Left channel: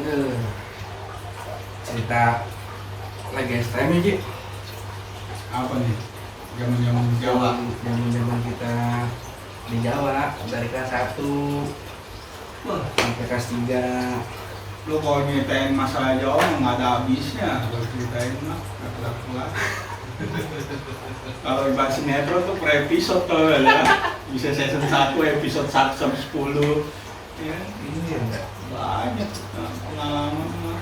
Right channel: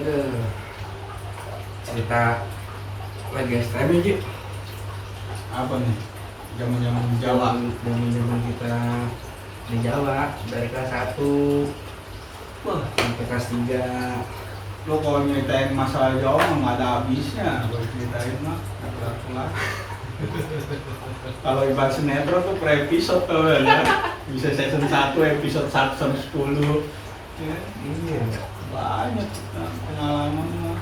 Aduh, cerita lagi STM ya, Ji. Apa nih? Zaman-zaman di Jawa. Zaman kita di Jawa dari kelas 1 Wah, sampai kelas 3. lu kalau nyeritain masalah Jawa mah nggak ada habisnya. Kalau ceritain mah nggak kelar-kelar. Kalau ibarat sinetron tuh per episode tuh ya. Bisa season 1 episode 1 sampai 10. Ya, Iya, banyak pengalaman mah.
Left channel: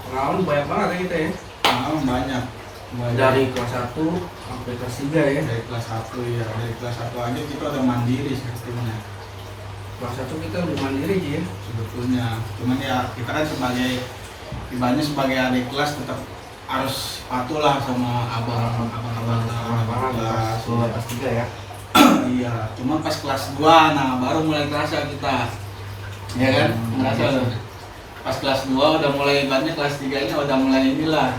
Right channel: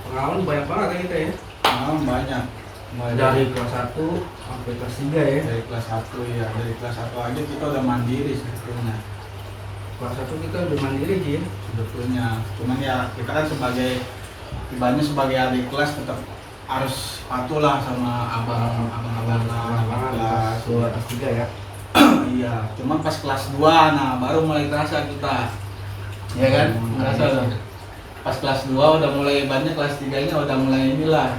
pengalaman banyak banget ya kita ya. Pengalaman banyak. Mulai Dari kelas 1 sampai kelas 3 ya. dari kelas 1 ya, dari kelas 1 aja kita udah mandiri sebetulnya. Kelas 1 kita udah mandiri, Ji ya. Sebetulnya cuman ya kita kan sebagai ibaratnya sebagai adik kelas tetap harus patuh lah sama abang-abang kelas. Kelas 3 ya. Iya, cuman pas kelas 2 nah baru mulai terasa kita. Ya kan? Ngerasa loh. Pas kelas 2 udah mulai ibaratnya kelas 3-nya udah mulai inilah.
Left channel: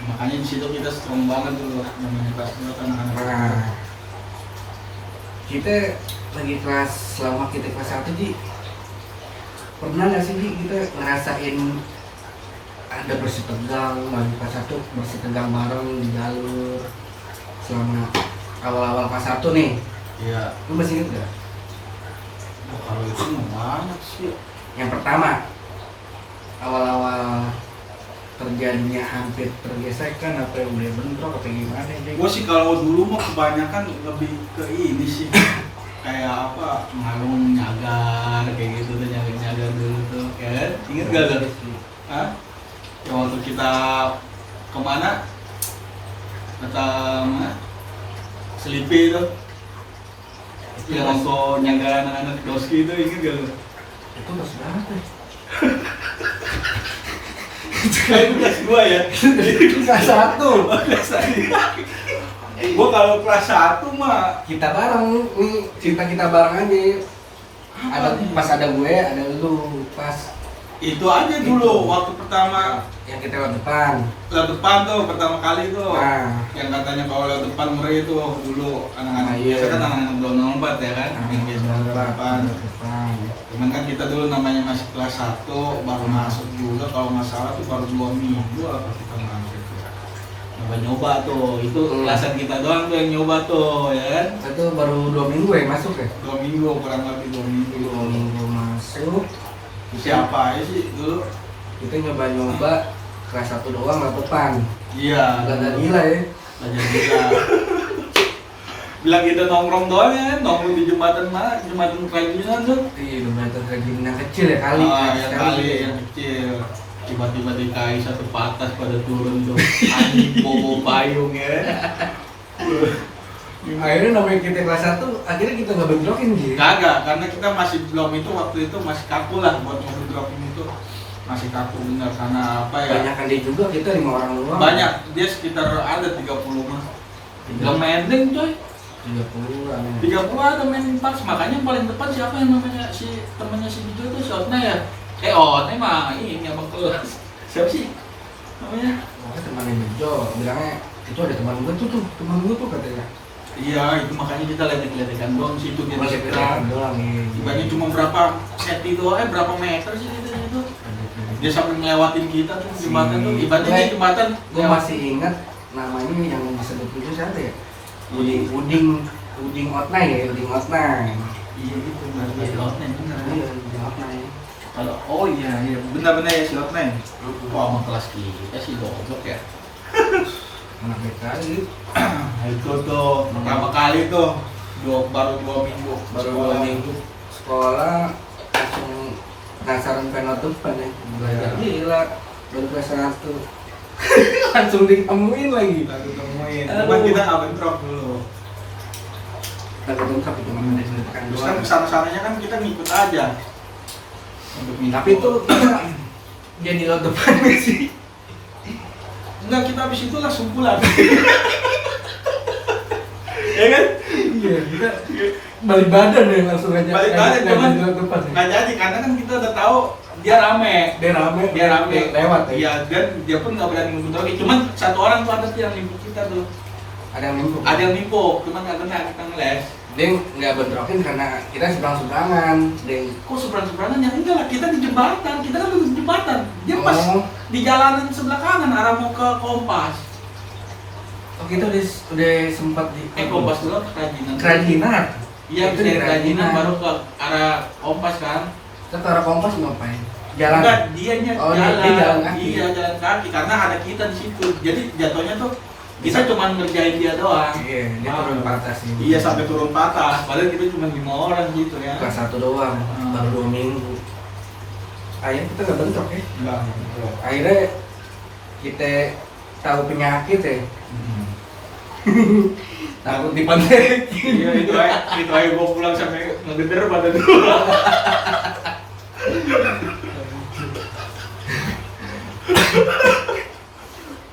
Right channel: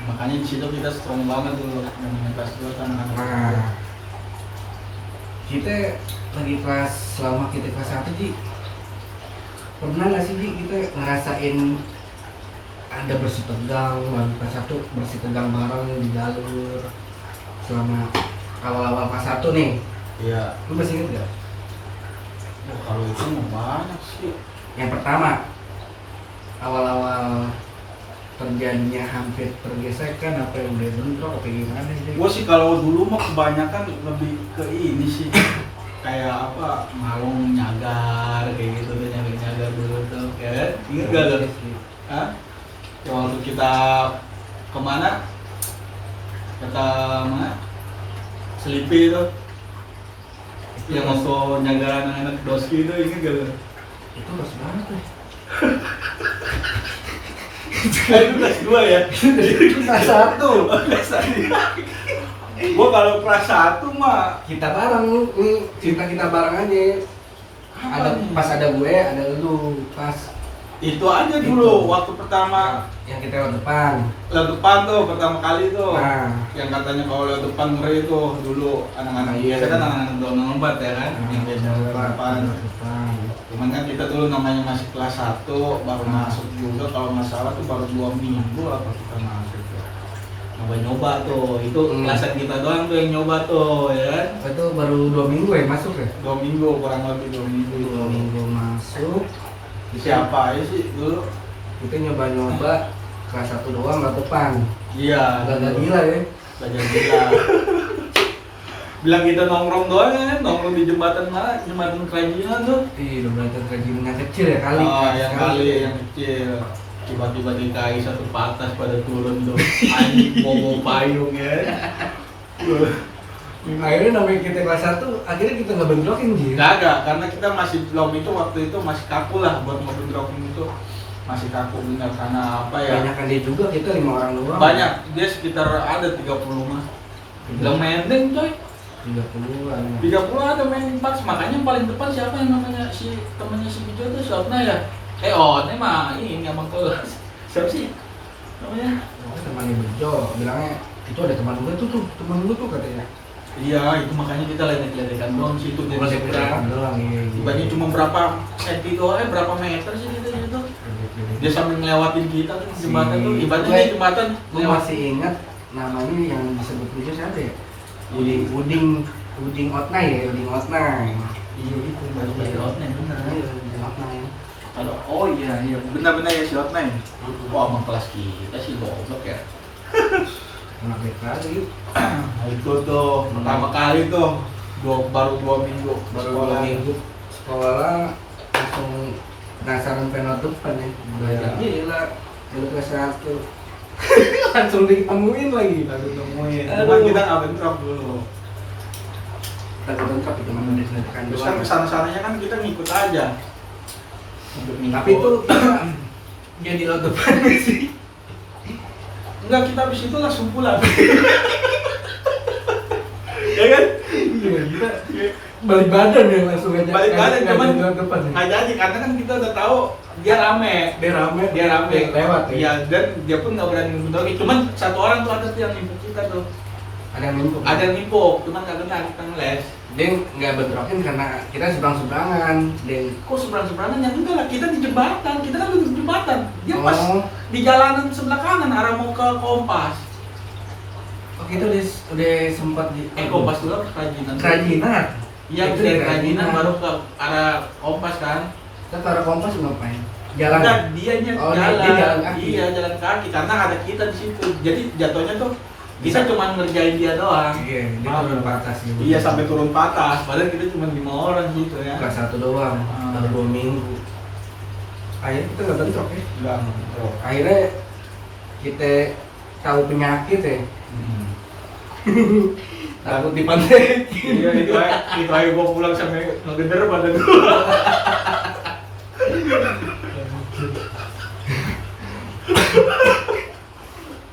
Makanya di situ kita strong banget dulu namanya kelas 2 anak-anak. Nah, kita lagi kelas selama kita kelas 1, Ji, pernah nggak sih, Ji, kita ngerasain ada bersih tegang lagi kelas 1, bersih tegang bareng di jalur selama awal-awal kelas 1 nih? Iya. Lu masih inget gak? Nah, kalau itu mah banyak sih. Yang pertama, awal-awal terjadinya hampir tergesekan apa yang udah bentrok apa gimana, Ji? Gue sih kalau dulu mah kebanyakan lebih ke ini sih kayak apa ngalung nyagar kayak gitu tuh nyagar dulu tuh ya kan inget gak tuh? Hah? Ya waktu kita kemana? Kata mana? Selipi itu yang waktu nyagar anak-anak doski itu inget gak tuh? Itu kelas berapa ya? Itu kelas 2 ya? Kelas 1. Kelas 1 Gue kalau kelas 1 mah Kita bareng nih, cerita kita bareng aja. Pas ada gue, ada lu pas itu aja dulu Itu. waktu pertama yang kita lewat depan. lewat depan tuh pertama kali tuh Nah, yang katanya kalau lewat depan ngeri itu dulu anak-anak Iya. biasa kan anak-anak belum lompat ya kan yang biasa lewat depan depan. cuman kan kita dulu namanya masih kelas 1 baru masuk juga kalau nggak salah tuh baru 2 minggu apa kita masuk tuh nyoba-nyoba tuh itu kelasan kita doang tuh yang nyoba tuh ya kan Itu baru 2 minggu ya masuk ya? 2 minggu kurang lebih 2 minggu 2 minggu masuk. siapa aja sih dulu Kita nyoba-nyoba kelas 1 doang lewat depan. iya Gak ada gila ya. belajar gila bilang kita nongkrong doang ya nongkrong di jembatan mana jembatan kerajinan tuh Iya, jembatan kerajinan yang kecil ya kali. yang kali yang kecil tiba-tiba DKI satu patas pada turun tuh anjing bawa payung ya Akhirnya namanya kita kelas 1, akhirnya kita nggak bentrokin gitu. kagak karena kita masih belum itu waktu itu masih kaku lah buat mobil dropping itu masih kaku bener karena apa ya Banyakan dia juga, kita 5 orang doang. banyak dia sekitar ada 30 mah gak mending coy 30-an. 30 ada main pas makanya paling depan siapa yang namanya si temannya si Gito tuh Shotna ya Otne mah ini abang kelas siapa sih namanya Makanya temannya Bejo, bilangnya itu ada teman gue tuh, teman gue tuh katanya. iya itu makanya kita ledek-ledekan doang sih itu Bukan saya doang iya. dibanding cuma berapa senti doang berapa meter sih itu dia sambil ngelewatin kita tuh jembatan tuh ibaratnya di jembatan Gue masih ingat namanya yang disebut itu siapa ya? Uding Otnai ya, Uding Otnai. iya gitu berarti si Otne bener Iya, Uding Otnai. kalau oh iya benar-benar ya si Otne wah emang kelas kita sih goblok ya Anak kali. Nah, itu tuh pertama kali tuh baru 2 minggu Baru 2 minggu sekolah langsung penasaran pengen depan nih. Belajar gila, baru kelas 1. Langsung ditemuin lagi. lalu nemuin Aduh. cuman kita nggak bentrok dulu Kita bentrok itu cuma mendekat terus kan doang. kesana-sananya kan kita ngikut aja untuk ngikut. Tapi itu kita jadi lo depan sih. enggak kita habis itu langsung pulang ya kan Iya, kita balik badan ya langsung aja. balik balik Nggak cuman jadi lewat depan ya. nggak jadi karena kan kita udah tahu dia rame Dia rame lewat ya. ya dan dia pun nggak berani ngebut lagi cuman satu orang tuh ada tuh yang nipu kita tuh Ada yang numpuk. ada yang nipu cuman nggak kena kita ngeles Dia nggak bentrokin karena kita seberang-seberangan. Dia Kok seberang-seberangan? Ya enggak lah, kita di jembatan, kita kan di jembatan. Dia pas di jalanan sebelah kanan arah mau ke Kompas. oh kita udah sempat di Kompas dulu ke Kerajinan. Kerajinan. Iya, Itu dari di Kerajinan Kerajinan. baru ke arah Kompas kan. Kita ke arah Kompas ngapain? Jalan. Enggak, dianya Oh, jalan. dia jalan kaki. Iya, jalan kaki karena ada kita di situ. Jadi jatuhnya tuh kita cuma ngerjain dia doang. Iya, dia turun patah sih. Iya, sampai turun patah. Padahal kita cuma 5 orang gitu ya. Kelas 1 doang, baru 2 minggu. Akhirnya kita nggak bentrok ya. Enggak, gitu. Akhirnya kita tahu penyakit ya. Takut dipantai. Iya, itu aja gue pulang sampai ngegeder pada dulu.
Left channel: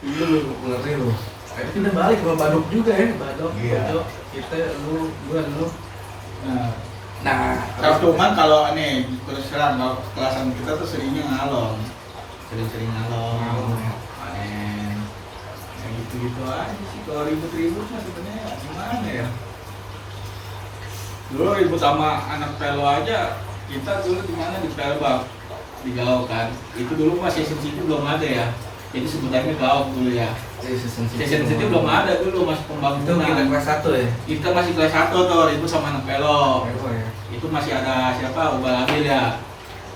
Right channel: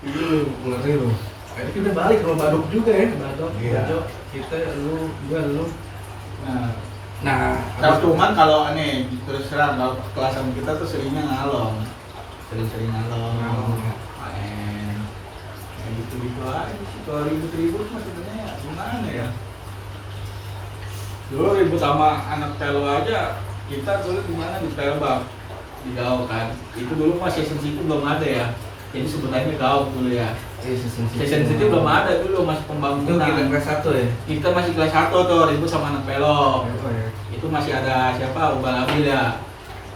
Iya lu ngeri lu. Akhirnya kita balik ke Baduk juga ya, Baduk, Iya. Bojo. Kita lu, gua lu. Nah, Cuman kalau aneh terus terang kalau kelasan kita tuh seringnya ngalong, sering ngalong, ya. main, kayak gitu aja sih. Kalau ribut-ribut mah sebenarnya gimana ya? Dulu ribut sama anak pelo aja, kita dulu gimana di Pelbak, di Gaok kan. Itu dulu pas season situ belum ada ya. Jadi sebutannya Gaok dulu ya. Season situ belum ada dulu masih Itu pembangunan. kita kelas 1 ya. Kita masih kelas 1 tuh ribut sama anak pelo. Oh, ya. Itu masih ada siapa Ubal Abil ya.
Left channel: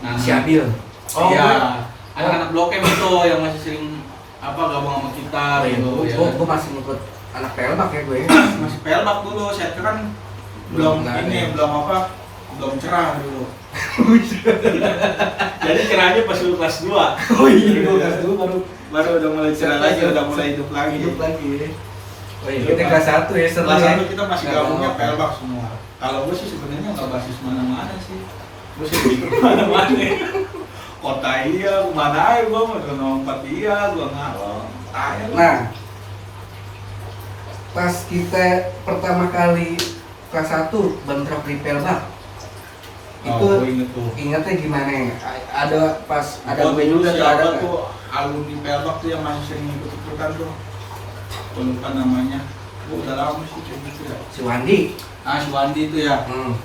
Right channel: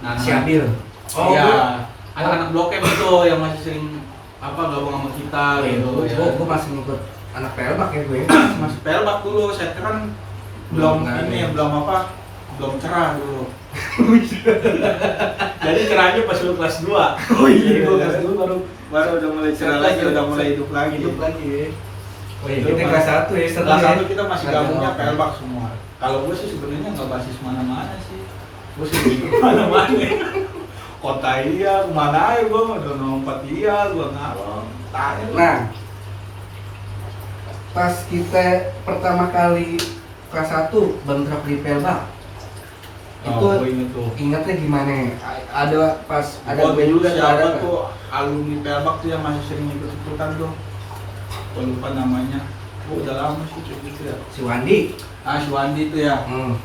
Nah, Si Abil. oh iya. iya, anak-anak Blok M itu yang masih sering apa gabung sama kita Oh iya, gitu ya. gua masih ngikut anak pelbak ya gue. Masih Pelbak dulu, saya kan Belum belum ada ini ya. belum cerah dulu. Jadi cerahnya pas lu kelas 2. Oh iya, gua kelas 2 baru udah mulai cerah lagi, udah mulai hidup lagi. hidup lagi ya. Oh iya, kita kelas 1 ya, seru Kelas ya. 1 kita masih gabungnya Pelbak semua. Kalau gue sih sebenarnya nggak basis mana-mana sih. Gue sih hidup mana-mana. Kota iya, kemana aja gue mau lompat iya, gue ngalong. Tanya lu. Nah, pas kita pertama kali kelas 1 bentrok di pelbak, itu gue inget tuh. ingatnya gimana ya? Ada pas ada Gua gue juga tuh siapa ada nggak? tuh alumni Pelbak tuh yang masih sering ikut-ikutan tuh. Gua lupa namanya. Gua udah lama sih kayak gitu ya. Si Wandi. Ah, si Wandi tuh ya. Hmm.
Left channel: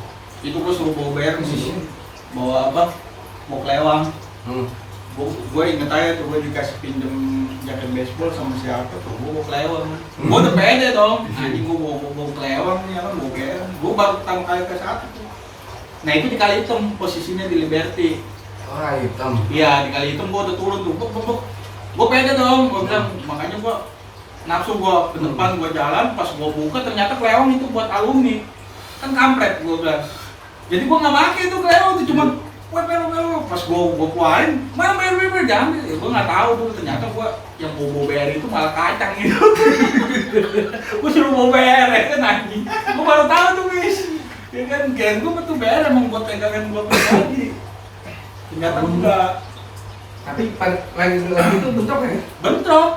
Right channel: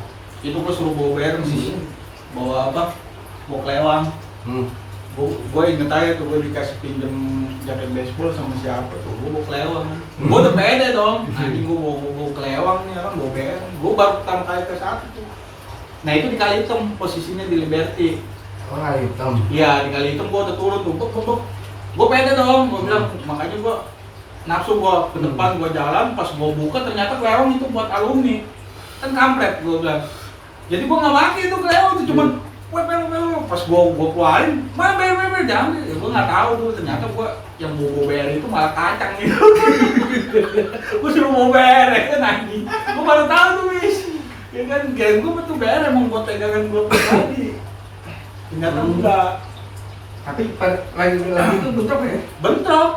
Itu gua suruh bawa bayar sih. Bawa apa? Bawa kelewang. Hmm. Gue inget aja tuh gue dikasih pinjem jaket baseball sama siapa tuh, gue bawa kelewang. Gue udah pede dong, anjing gue bawa kelewang nih, kan bawa bayar. Gue baru pertama kali ke satu tuh. Nah itu di Kalihitam, posisinya di Liberty. Oh hitam. Iya di Kalihitam gue udah turun tuh, gue pede dong, gue bilang makanya gue nafsu gue ke depan gue jalan, pas gue buka ternyata kelewang itu buat alumni, kan kampret gue bilang. Jadi gue nggak pakai itu kelewang itu cuman pel pas gua keluarin mana bayar jangan ya gua nggak tahu tuh ternyata gua yang bobo bayar itu malah kacang gitu. Gua suruh mau bayar ya kan anjing gua baru tahu tuh wis ya kan geng gua betul bayar emang buat pegangan gua pribadi ternyata enggak. Tapi lagi itu bentrok ya? Bentrok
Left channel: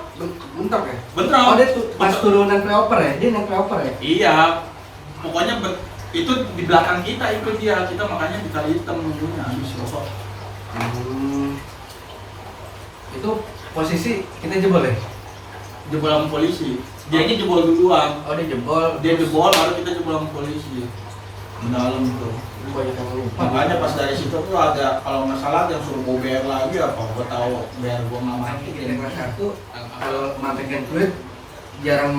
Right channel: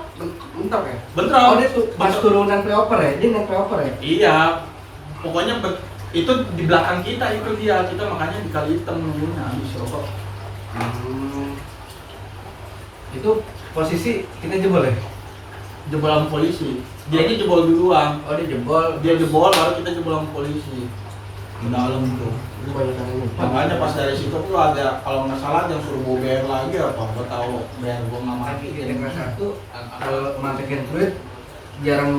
Bentrok ya? bentrok Oh dia tuh pas turunan playoper ya? Dia naik playoper ya? iya pokoknya itu di belakang kita itu dia kita makanya di Kalihitam dulunya habis sosok. Itu posisi kita jebol ya? Jebol sama polisi dia jebol duluan. Oh dia jebol. Dia jebol baru kita jebol sama polisi di dalam tuh. Itu banyak yang lupa. Makanya pas dari situ tuh ada kalau nggak salah ada yang suruh bawa bayar lagi apa gua tahu bayar gua nggak Tapi mati kita kelas 1 kalau mantekin fluid jarang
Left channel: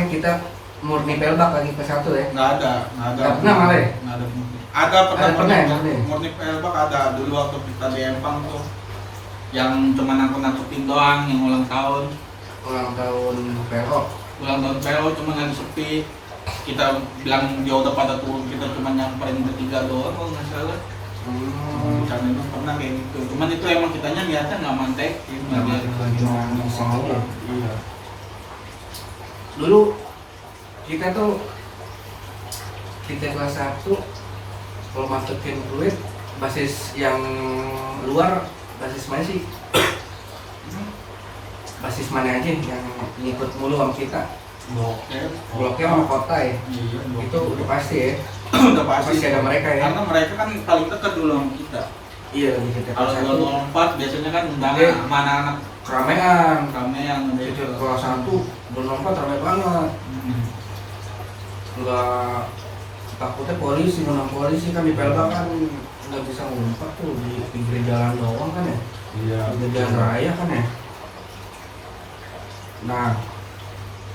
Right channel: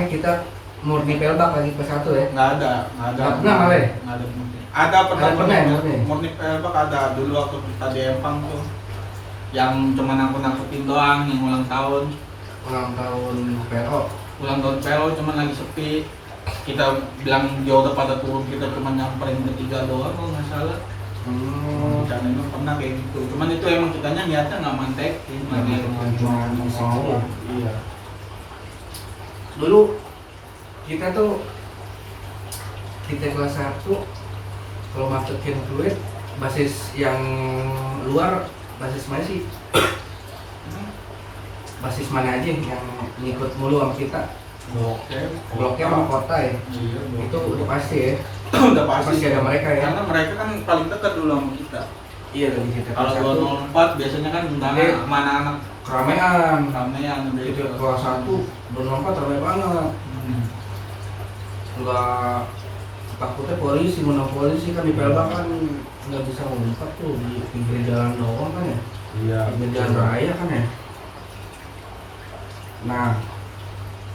ya kita murni pelbak lagi ke 1 ya? nggak ada Nggak pernah malah ya? nggak ada ada pernah Ada pernah ya, murni? murni pelbak ada dulu waktu kita di Empang tuh yang cuma nangkut-nangkutin doang yang ulang tahun Ulang tahun PLO. PLO cuma lagi sepi kita bilang dia udah pada turun kita cuma nyamperin bertiga doang kalau nggak salah. Karena itu pernah kayak gitu cuman itu emang kitanya niatnya nggak mantekin Cuma iseng aja. iya. Dulu kita tuh kelas 1 kalau masukin fluid basis yang luar basis mana sih? Basis mana aja yang ngikut mulu sama kita? Bloknya sama kota ya? Iya, Itu udah pasti ya? udah pasti Pasti ada mereka ya? karena mereka kan paling dekat dulu sama kita. Iya lagi kita Kalau kelas 1 204 biasanya kan undangan Iya. sama anak-anak keramaian. ramean Kita kelas 1 204 ramai banget. Enggak takutnya polisi, menang polisi kan di Pelba kan nggak bisa ngumpet tuh di pinggir jalan doang kan ya, Iya. pinggir jalan raya kan ya. Nah,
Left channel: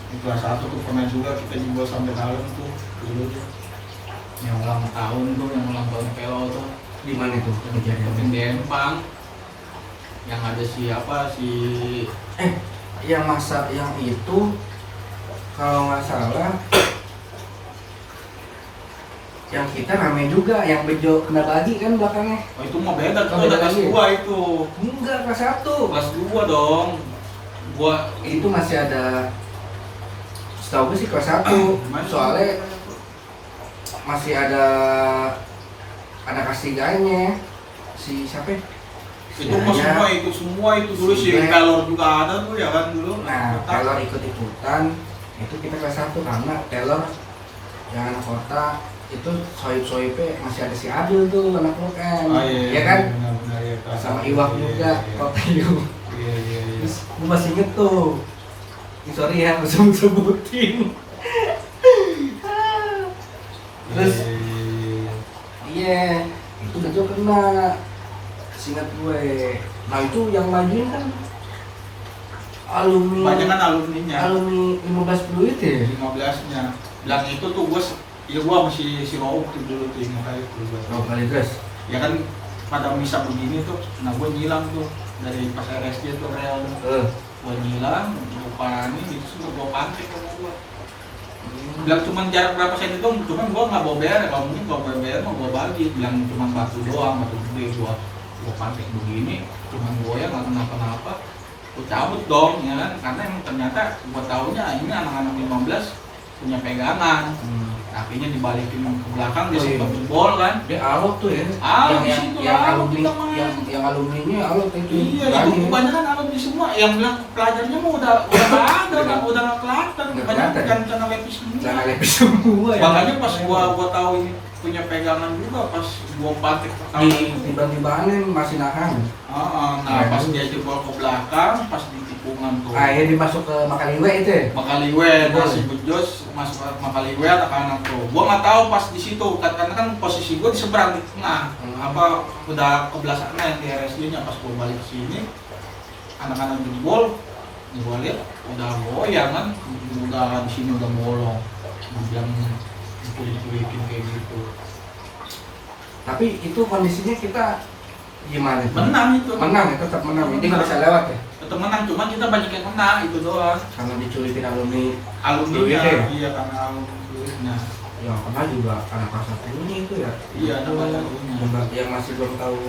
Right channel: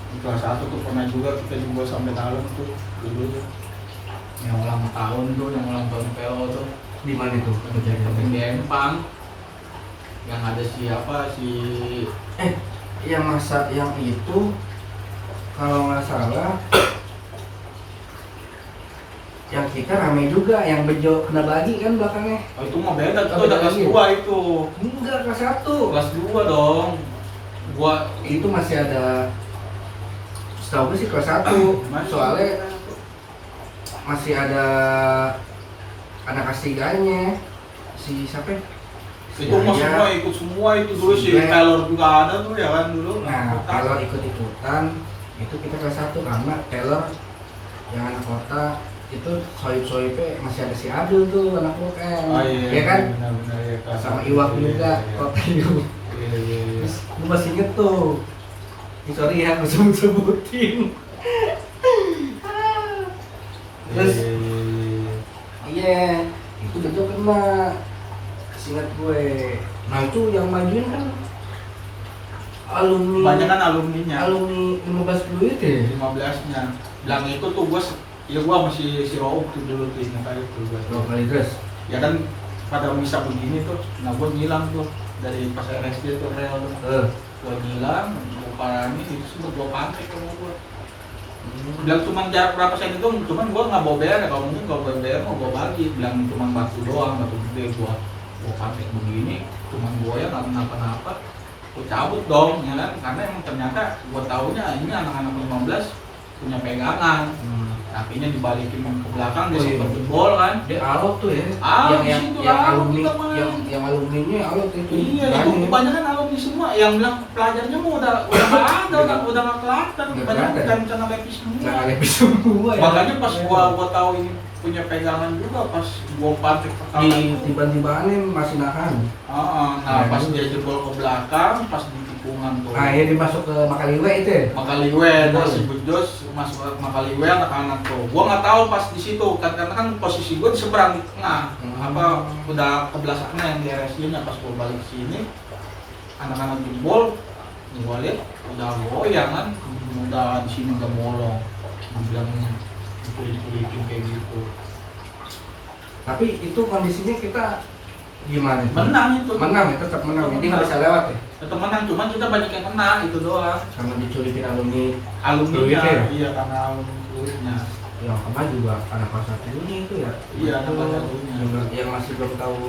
Di kelas 1 tuh pernah juga kita dibawa sampai dalam tuh dulu tuh. Yang ulang tahun tuh, yang ulang tahun PO tuh. di mana itu Yang kejadiannya? di Empang. Yang ada si Yang masa yang itu kalau nggak salah yang kita rame juga, yang Bejo kena bagi kan belakangnya. Oh itu mah beda tuh, Oh, beda ada kelas lagi. 2 itu. Enggak, kelas 1. Kelas 2 dong. Gua Itu masih ada, setahu gue sih kelas 1. Soalnya masih ada anak ketiganya si siapa ya? Si itu mah Yaya. semua ikut semua itu dulu Si si Black. Taylor juga ada tuh ya kan dulu. Nah, Taylor ikut-ikutan, itu kita kelas 1 karena Taylor yang anak kota itu soib-soibnya masih ada si Adul tuh anak UM, Oh, iya, ya kan? benar-benar, ya, kelas Sama satu. Iwak Iya, juga, iya, kota Iwak. iya, iya, iya. Terus gue masih inget tuh, sorry ya, gue sebut-sebutin. Terus Iya, iya, iya. iya, itu Bejo kena, seingat gue. Nah itu yang majuin kan alumni, Banyak kan alumninya. alumni 15 Fluid ya. 15-nya. Bilang itu tuh gua masih si Rauf tuh dulu tuh ingat kali tuh gua. Kalau kali dress, Ya kan pada misa begini tuh, nah gua ngilang tuh dari pas RSJ tuh real tuh. Gua ngilang, gua parani itu semua gua pantek sama gua. Bilang cuma jarak berapa sen itu, cuman gua nggak bawa BR, kalau mungkin kalau bawa BR mah gua bagi. Bilang cuma batu doang, batu gede gua pantek begini, cuman gua ya nggak kenapa-napa. Gua cabut dong, ya kan? Karena emang ternyata gua taunya ini anak-anak 15 punya pegangan. Kakinya dibalikin ke belakang, dia Oh, iya. sempat jebol kan. dia alot tuh ya. Alot yang sih itu, yang alot alumni, kita mah. yang alumninya alot itu. Iya, itu Berani. kebanyakan alumni semua. Yang bilang pelajarnya mah udah nggak ada, udah nggak kelihatan. Nggak Banyak kelihatan. kan karena lepis semua. Jangan lebih semua ya. Makanya pas gua tahu ini punya pegangan juga, pas gua pantik pertama di itu. tiba-tibanin masih nahan. Nah, pas dia jebol ke belakang, pas di tikungan tuh. Akhirnya dimasuk ke Makaliwe itu ya. Makaliwe, Boleh. si Bejos masuk ke Makaliwe anak-anak tuh. Gua nggak tahu pas di situ, karena kan posisi gua di seberang di tengah. Apa udah ke belah sana yang di RSJ-nya, pas gua balik ke sini, anak-anak jebol, gua lihat udah goyang kan, udah di sini udah bolong. Gua bilang dikulik-kulikin kayak gitu. Tapi itu kondisinya kita gimana? tuh? Menang itu. Menang ya, tetap menang. Jadi nggak bisa lewat ya. Tetap menang, cuman kita banyak yang kena itu doang. Karena diculikin alumni Alumni Fluid ya? iya karena alumni. yang pernah juga anak kelas 1 ini itu ya. Iya, anak Itu kelas satunya. yang masih belum tahu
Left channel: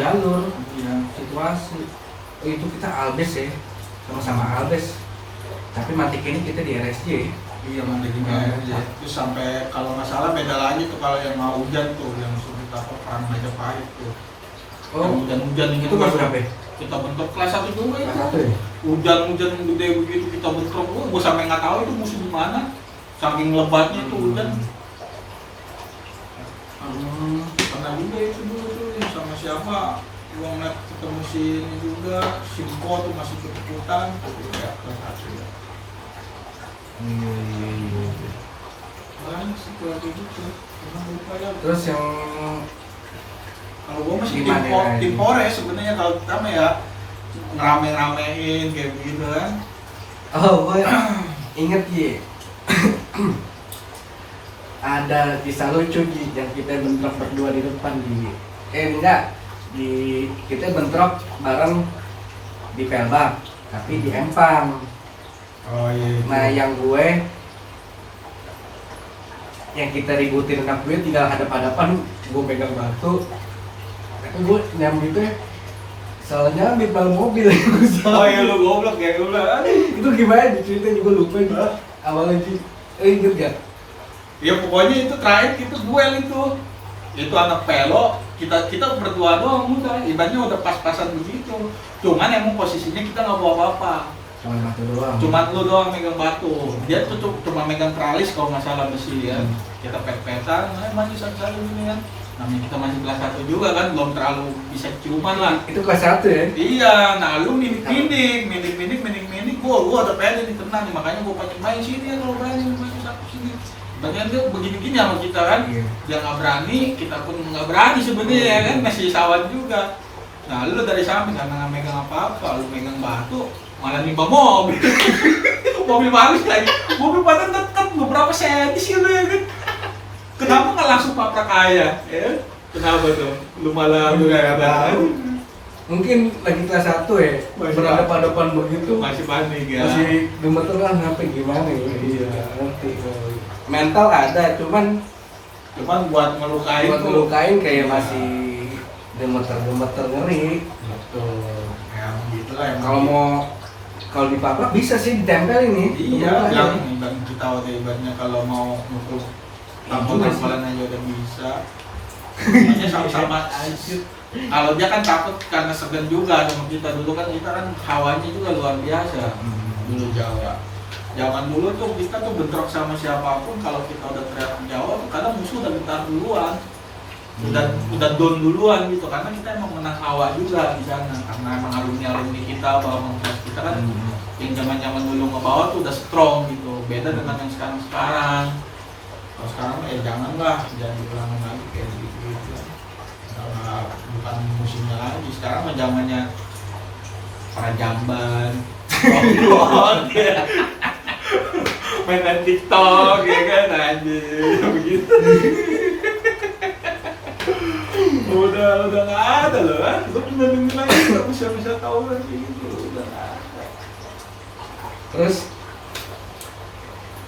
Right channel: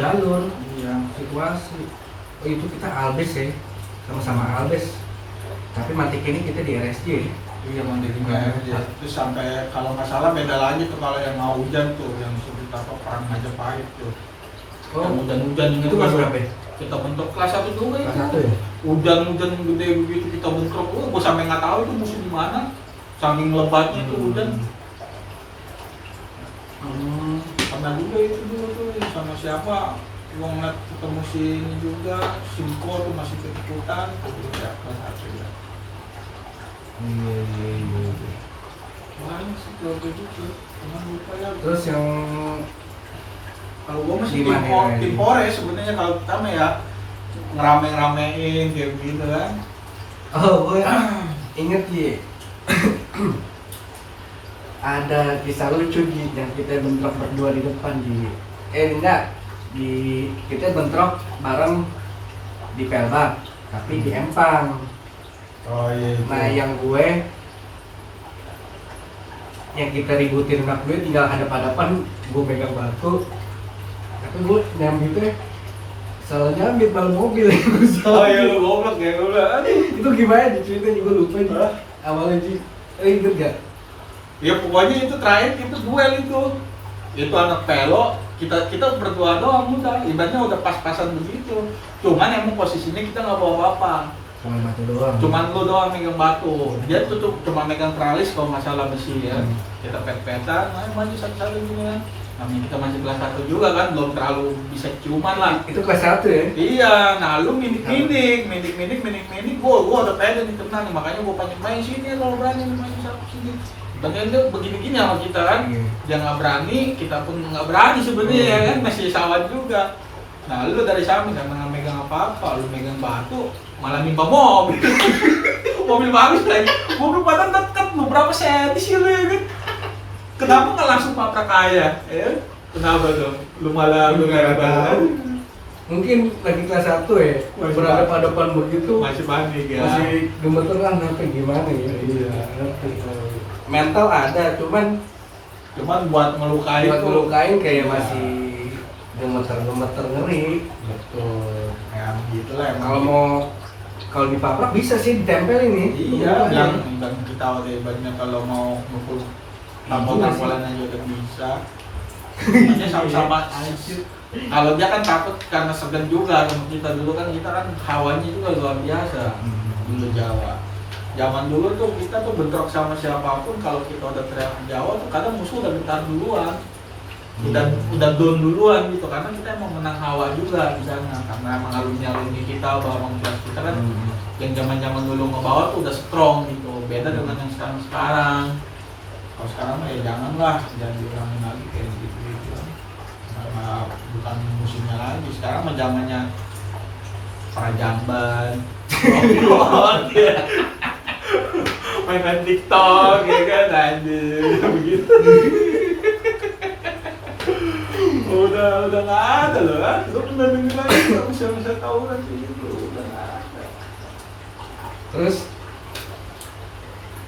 jalur, Iya. situasi. Oh, itu kita Albes ya, sama-sama Albes. Tapi mantik ini kita di RSJ. Iya mandikin aja. Terus sampai kalau nggak salah beda lagi tuh kalau yang mau hujan tuh yang sebut apa perang Majapahit tuh. Oh, Yang hujan-hujan itu kelas berapa ya? Kita bentuk kelas 1 juga Kelas itu. 1 ya? Hujan-hujan gede begitu kita bentrok, gua sampai nggak tahu itu musuh di mana. Saking lebatnya itu hujan. Pernah juga itu dulu tuh yang sama siapa? Gua ngeliat ketemu si ini juga, Simko tuh masih ikut-ikutan, tuh ya kelas 1 ya. Iya. Banyak sih kayak gitu. Cuman lupa ya. Terus yang Kalau gua masih Gimana ya? tim Polres sebenarnya kalau kita mah ya ngerame-ramein kayak gitu kan. oh, gue inget Ji. Ada kisah lucu Ji yang kita bentrok berdua di depan Ji. Enggak, kita bentrok bareng di Pelba, tapi di Empang. Oh iya. Nah yang kita ributin anak gue tinggal hadap-hadapan, gue pegang batu. Tapi gue nyambit tuh salah nyambit bal mobil. Oh iya lu goblok ya lu lah. Itu gimana diceritain juga lupa Ji. Awalnya Ji, inget gak? Ya pokoknya itu terakhir itu duel itu. Itu anak pelo, kita berdua doang udah, ibaratnya udah pas-pasan begitu. Cuman emang posisinya kita nggak bawa apa-apa. Cuma batu doang. Cuman lu doang megang batu. Dia tuh cuma megang teralis kalau nggak salah besi ya. Kita pet-petan, maju satu-satu gini kan. Namanya kita masih kelas 1 juga kan, belum terlalu bisa ciuman lah. Itu kelas 1 ya? Iya, nah lu minik, gua udah pede nih kena nih, makanya gua pancing main sini kalau berani main satu sini. Bagian tuh begini-gini sama kita kan. Iya. Dia nggak berani, kita pun nggak berani sebenarnya kan, masih sawan juga. Nah lu dari samping karena nggak megang apa-apa, lu megang batu, malah nimpa mobil. Mobil bagus lagi, mobil padahal dekat beberapa senti sih lu ya kan. Kenapa nggak langsung paprak aja? Ya? Kenapa tuh? Lu malah lu Nggak nggak tahu. Mungkin lagi kelas 1 ya, Masih berhadapan begitu. masih panik ya. Masih gemeteran apa gimana ya? Iya. Ngerti. Mental ada, cuman Cuman buat ngelukain buat tuh. ngelukain kayak Iya. masih gemeter-gemeter ngeri. Betul. Ya gitu lah emang. Kalau dipaprak bisa sih ditempel ini. Iya, yang kita udah ibaratnya kalau mau mukul tampol-tampolan aja udah bisa. Hanya sama-sama. Kalau dia kan takut karena segan juga sama kita dulu kan kita kan hawanya juga luar biasa dulu Jawa. Zaman dulu tuh kita tuh bentrok sama siapapun kalau kita udah teriak Jawa tuh kadang musuh udah gentar duluan. Udah down duluan gitu karena kita emang menang hawa juga di sana karena emang alumni kita bahwa kita kan yang zaman dulu ngebawa tuh udah strong gitu beda dengan yang sekarang kalau sekarang ya janganlah jangan diulangin lagi kayak gitu karena bukan musimnya lagi sekarang mah zamannya para jamban mainan TikTok ya kan anjir begitu udah nggak ada loh kan lu pernah denger lagi nggak bisa tahu lagi gitu udah nggak ada Terus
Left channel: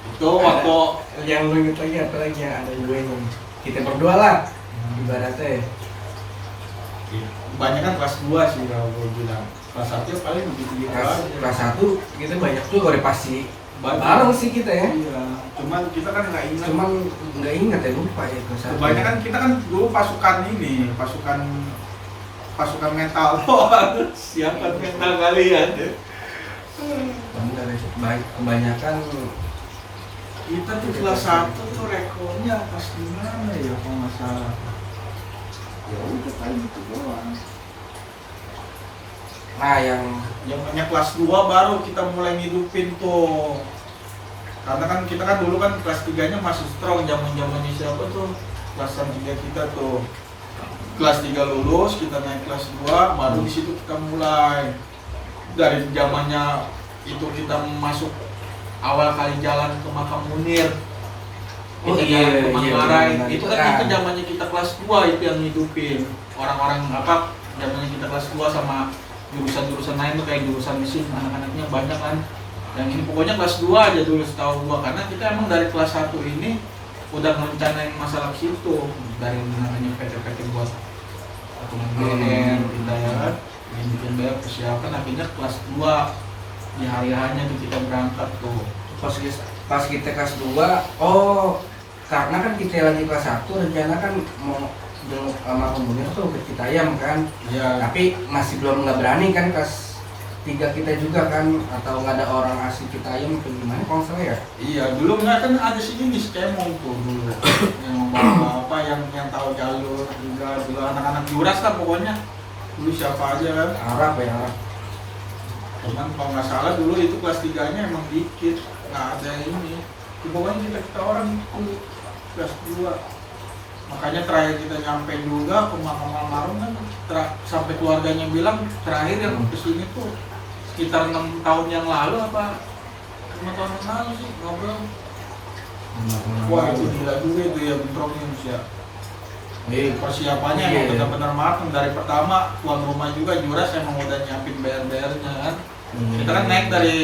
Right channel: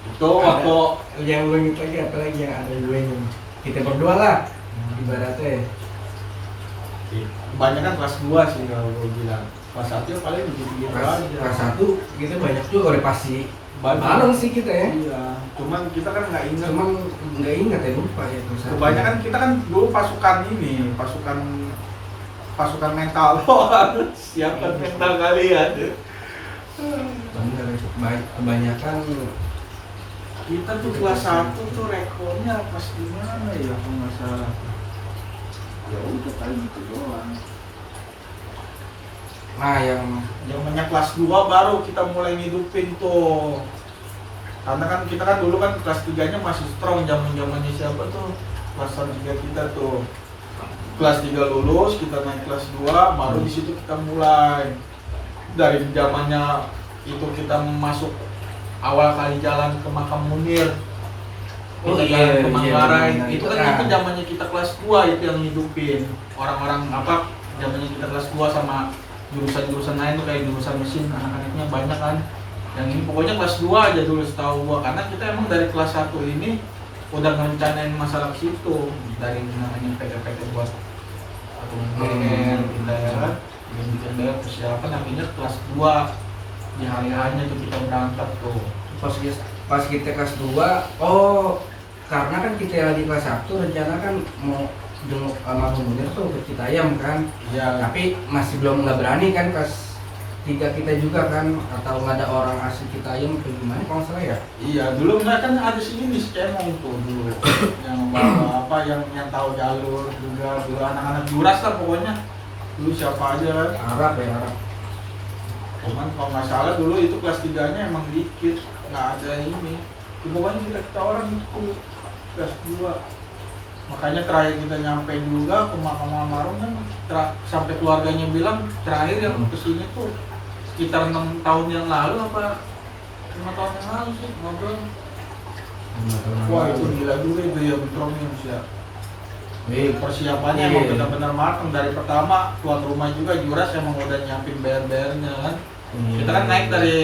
itu waktu yang lu inget lagi apa lagi yang ada gue nya? Kita berdua lah ibaratnya. kebanyakan kelas 2 sih kalau gue bilang kelas 1 paling begitu Kelas 1 kita banyak juga udah pasti Banyak. bareng sih kita ya. iya cuman kita kan nggak ingat Cuman nggak ingat ya lupa ya kelas 1. kebanyakan kita kan dulu pasukan mental doang siapkan mental kalian ya. Bener itu kebanyakan Kita tuh kelas 1 tuh rekornya pas gimana ya kalau nggak salah. Ya udah paling gitu doang. nah yang Zamannya kelas 2 baru kita mulai ngidupin tuh. Karena kan kita kan dulu kan kelas 3-nya masih strong zamannya siapa tuh? Kelas 3 kita tuh. Kelas 3 lulus, kita naik kelas 2, baru di situ kita mulai. Dari zamannya itu kita masuk awal kali jalan ke Makam Munir. Oh Kita iya, jalan ke iya, Manggarai. benar, Itu benar. kan itu zamannya kita kelas 2 itu yang ngidupin. Orang-orang apa zamannya kita kelas 2 sama jurusan-jurusan lain tuh kayak jurusan mesin anak-anaknya banyak kan. Yang ini pokoknya kelas 2 aja dulu setahu gua karena kita emang dari kelas 1 ini udah ngerencanain masalah ke situ dari namanya PT-PT buat BR kita ya kan bikin BR persiapan akhirnya kelas 2 di hari-harinya nih kita berangkat tuh pas kita kelas 2, oh karena kan kita lagi kelas 1 rencana kan mau jenguk sama Munir tuh ke Citayam kan. ya Tapi masih belum nggak berani kan kelas 3 kita juga kan, atau nggak ada orang asli Citayam atau gimana kalau nggak salah ya. iya dulu nggak kan ada sini di skemong tuh dulu yang apa yang tahu jalur juga dulu anak-anak juras lah pokoknya dulu siapa aja kan Arab ya Arab. cuman kalau nggak salah dulu itu kelas 3-nya emang dikit nggak ada ini pokoknya kita orang itu kelas 2 makanya terakhir kita nyampe juga ke makam almarhum kan sampai keluarganya bilang terakhir yang kesini tuh sekitar 6 tahun yang lalu apa 5 tahun yang lalu sih ngobrol wah itu gila juga itu ya bentroknya ya persiapannya emang benar-benar matang dari pertama tuan rumah juga Juras emang udah nyiapin bayar-bayarnya kan kita kan naik dari